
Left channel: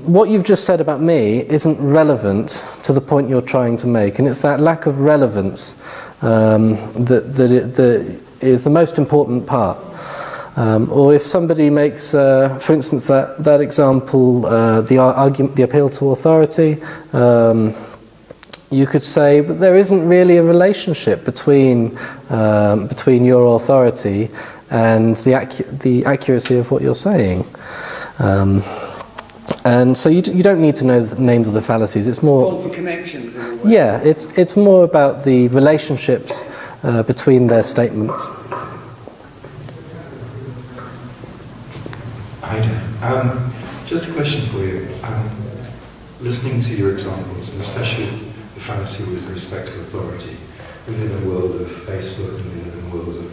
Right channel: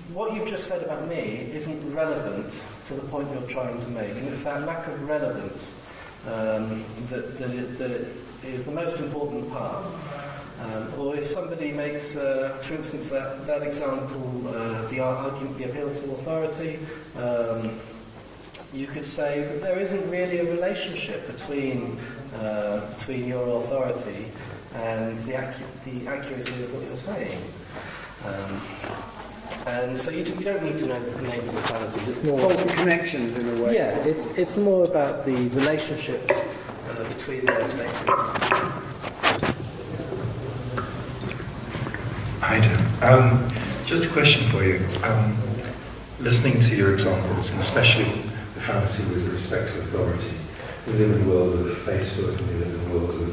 what you've just said about me isn't relevant to the point you're trying to make. And it's that lack of relevance that is the most important part. Or if somebody makes, for instance, that example, the appeal to authority, you could say that there isn't really a relationship between your authority and the accuracy of what you're saying. And so you don't need to know the names of the fallacies. It's more all the connections in a way. Yeah, it's more about the relationships between their statements. Hi, Dan. Just a question for you. Listening to your examples, and especially the fallacy with respect to authority, we live in a world of Facebook and we live in a world of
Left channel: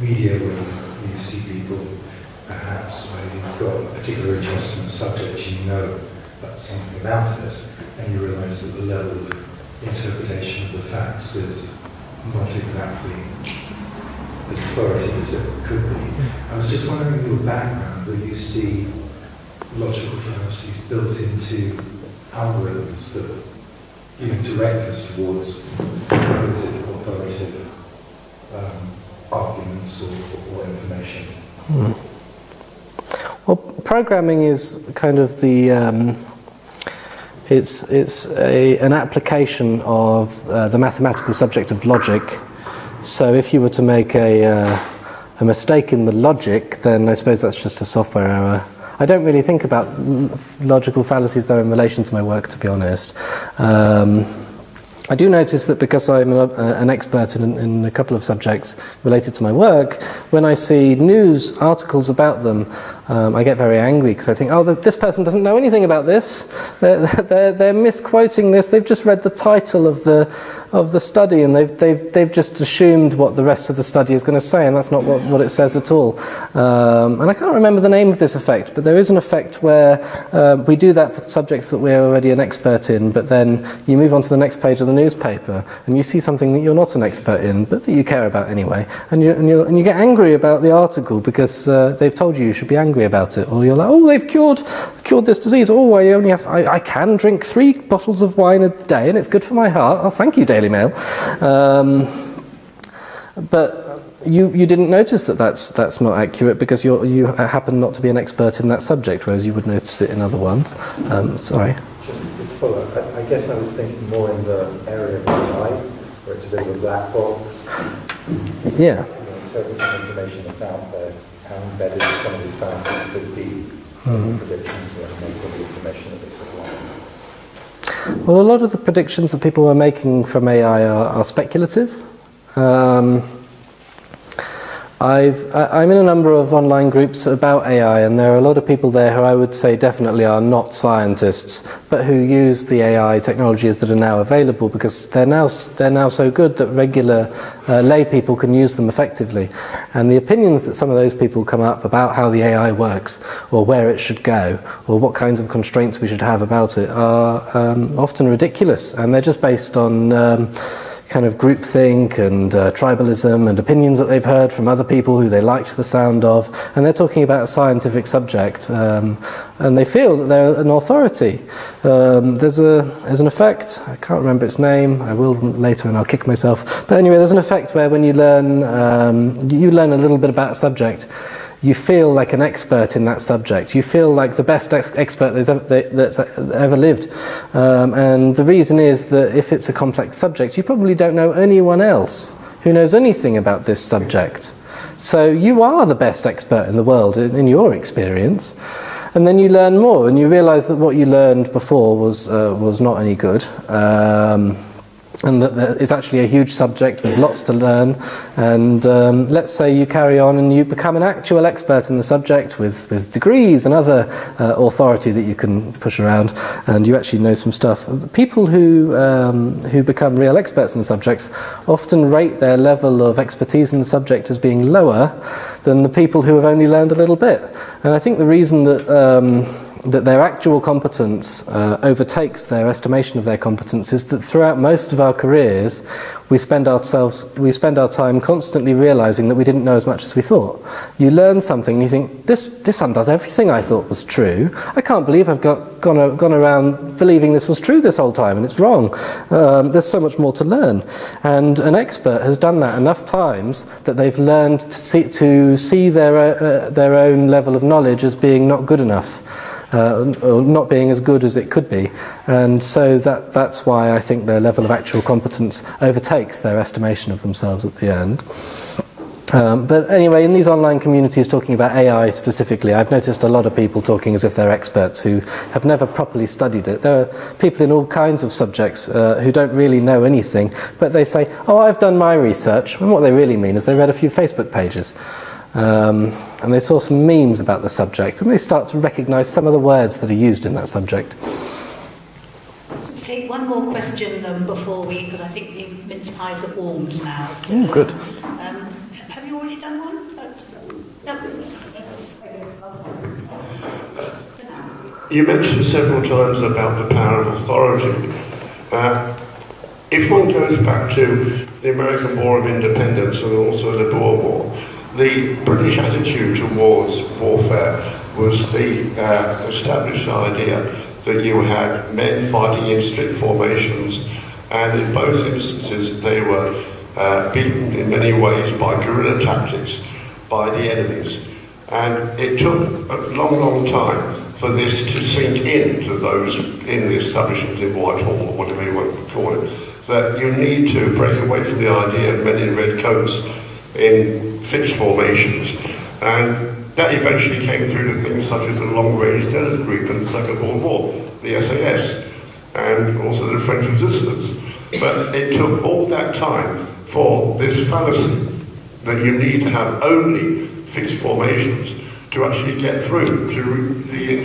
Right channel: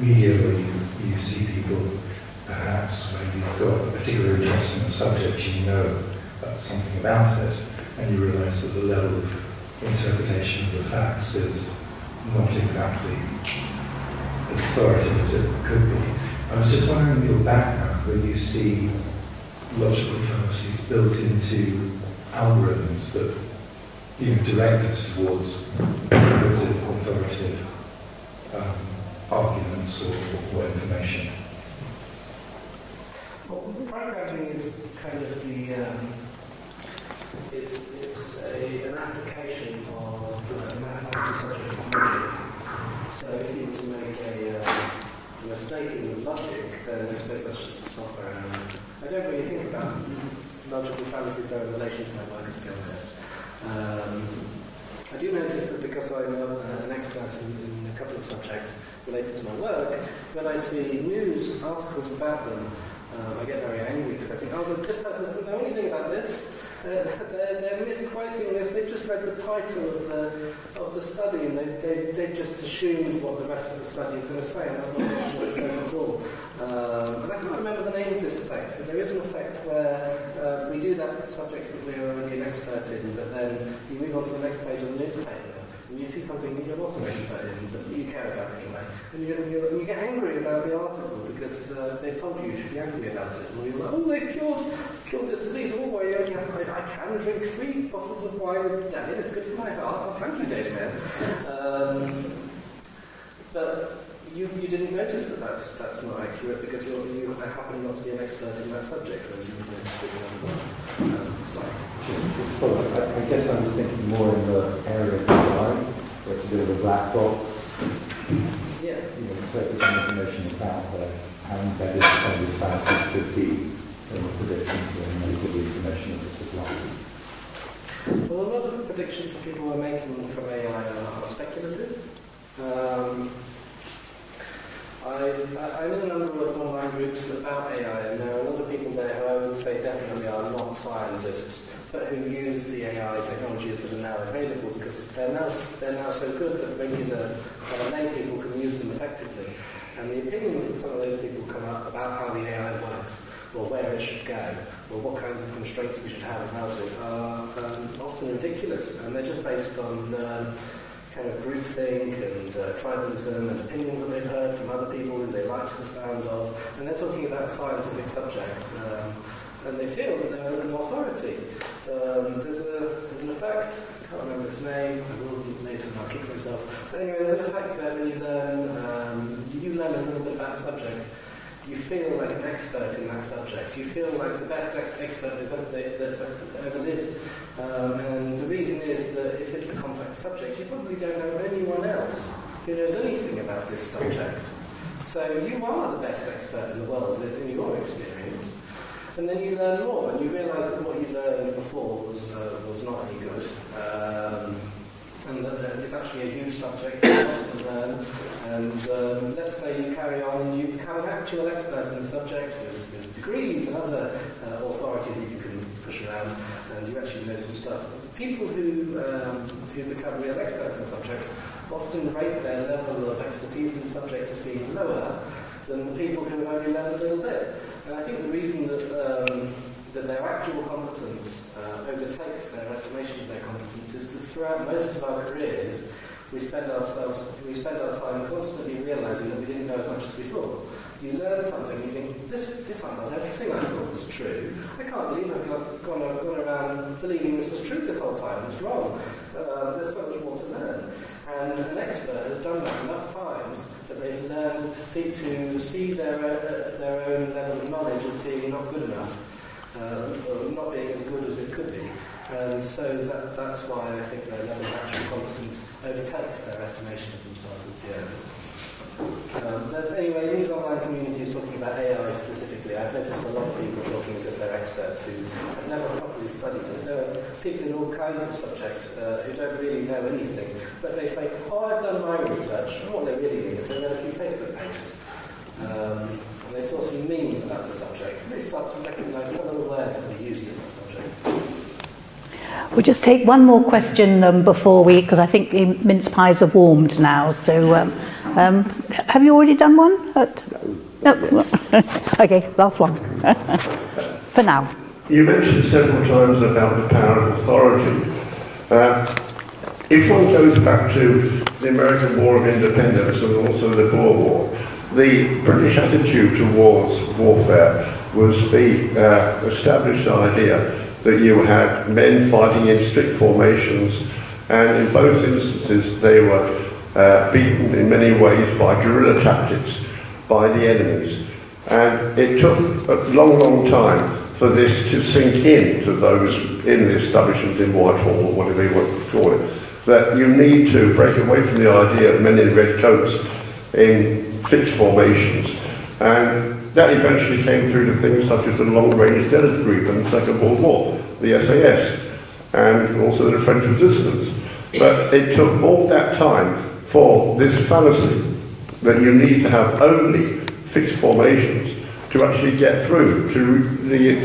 media where you see people perhaps when you've got a particular interest in the subject, you know something about it, and you realise that the level of interpretation of the facts is not exactly as authoritative as it could be. I was just wondering, in your background, whether you see logical fallacies built into algorithms that direct us towards authoritative arguments or information. Well, programming is kind of the it's an application of the mathematical subject of logic. So if you were to make a mistake in the logic, then I suppose that's just a software error. I don't really think about logical fallacies, though, in relation to my work, to be honest. I do notice that because I'm an expert in a couple of subjects related to my work, when I see news articles about them, I get very angry because I think, oh, this person doesn't know anything about this. They're misquoting this. They've just read the title of the study, and they've just assumed what the rest of the study is going to say, and that's not what it says at all. And I can't remember the name of this effect, but there is an effect where we do that for subjects that we're already an expert in, but then you move on to the next page of the newspaper and you see something that you're not an expert in, but that you care about anyway, and you get angry about the article because they've told you should be angry about it, or you're like, oh, they've cured this disease. Oh, I can drink 3 bottles of wine a day and it's good for my heart. Oh, thank you, Daily Mail. But you didn't notice that that's not accurate because you happen not to be an expert in that subject, whereas you would notice it in other ones. Sorry. It's full. I guess I was thinking more in the area of AI, where it's a bit of a black box. Yeah. Interpreting information that's out there, how embedded some of these fallacies could be in predictions and the information that they supply. Well, a lot of the predictions that people were making from AI are speculative. I'm in a number of online groups about AI, and there are a lot of people there who I would say definitely are not scientists, but who use the AI technologies that are now available because they're now so good that regular lay people can use them effectively. And the opinions that some of those people come up about how the AI works, or where it should go, or what kinds of constraints we should have about it are often ridiculous, and they're just based on kind of groupthink and tribalism and opinions that they've heard from other people who they liked the sound of, and they're talking about a scientific subject, and they feel that they're an authority. There's an effect, I can't remember its name, I will later and I'll kick myself, but anyway, there's an effect where when you learn a little bit about a subject, you feel like an expert in that subject. You feel like the best expert that's ever lived. And the reason is that if it's a complex subject, you probably don't know anyone else who knows anything about this subject. So you are the best expert in the world in your experience. And then you learn more, and you realise that what you learned before was not any good. And that it's actually a huge subject with lots to learn, and let's say you carry on and you become an actual expert in the subject with degrees and other authority that you can push around, and you actually know some stuff. People who become real experts in the subjects often rate their level of expertise in the subject as being lower than the people who have only learned a little bit. And I think the reason that their actual competence overtakes their estimation of their competence is that throughout most of our careers we spend our time constantly realizing that we didn't know as much as we thought. You learn something and you think, this undoes everything I thought was true. I can't believe I've gone around believing this was true this whole time, and it's wrong. There's so much more to learn. And an expert has done that enough times that they've learned to see their own level of knowledge as being not good enough. Or not being as good as it could be, and so that's why I think their level of actual competence overtakes their estimation of themselves at the end. But anyway, in these online communities talking about AI specifically, I've noticed a lot of people talking as if they're experts who have never properly studied it. There are people in all kinds of subjects who don't really know anything, but they say, oh, I've done my research, and what they really mean is they read a few Facebook pages. And they saw some memes about the subject, and they start to recognise some of the words that are used in that subject. We'll just take one more question before because I think the mince pies are warmed now. So, have you already done one? No. Okay, last one. For now. you mentioned several times about the power of authority. If one goes back to the American War of Independence and also the Boer War, the British attitude towards warfare was the established idea that you had men fighting in strict formations, and in both instances they were beaten in many ways by guerrilla tactics by the enemies. And it took a long, long time for this to sink in to those in the establishment in Whitehall, or whatever you want to call it, that you need to break away from the idea of men in red coats in fixed formations. And that eventually came through to things such as the Long-Range Desert Group in the Second World War, the SAS, and also the French resistance. But it took all that time for this fallacy that you need to have only fixed formations to actually get through to the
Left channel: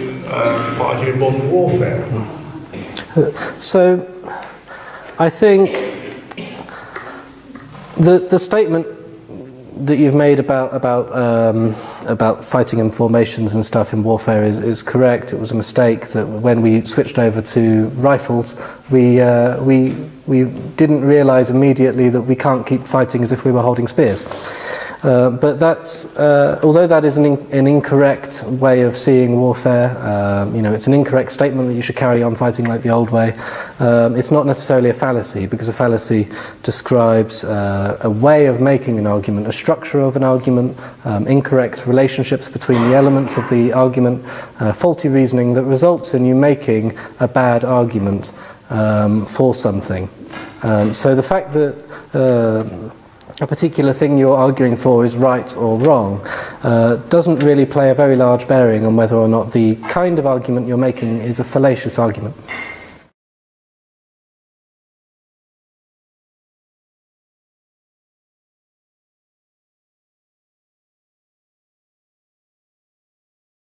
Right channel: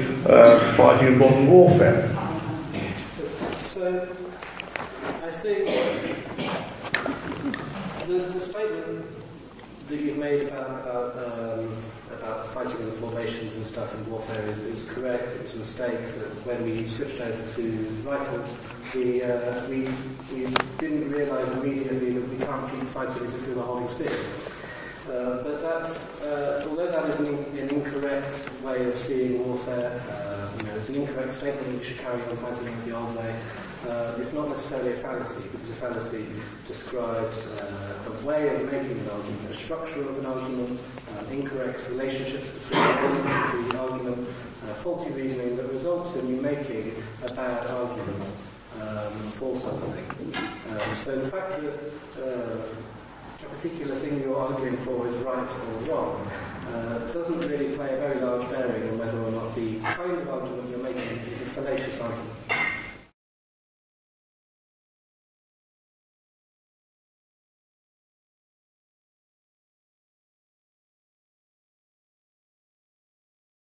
fighting in modern warfare. So, I think the statement that you've made about fighting in formations and stuff in warfare is correct. It was a mistake that when we switched over to rifles, we didn't realise immediately that we can't keep fighting as if we were holding spears. But that's, although that is an incorrect way of seeing warfare, you know, it's an incorrect statement that you should carry on fighting like the old way. It's not necessarily a fallacy, because a fallacy describes a way of making an argument, a structure of an argument, incorrect relationships between the elements of the argument, faulty reasoning that results in you making a bad argument for something. So the fact that a particular thing you're arguing for is right or wrong doesn't really play a very large bearing on whether or not the kind of argument you're making is a fallacious argument.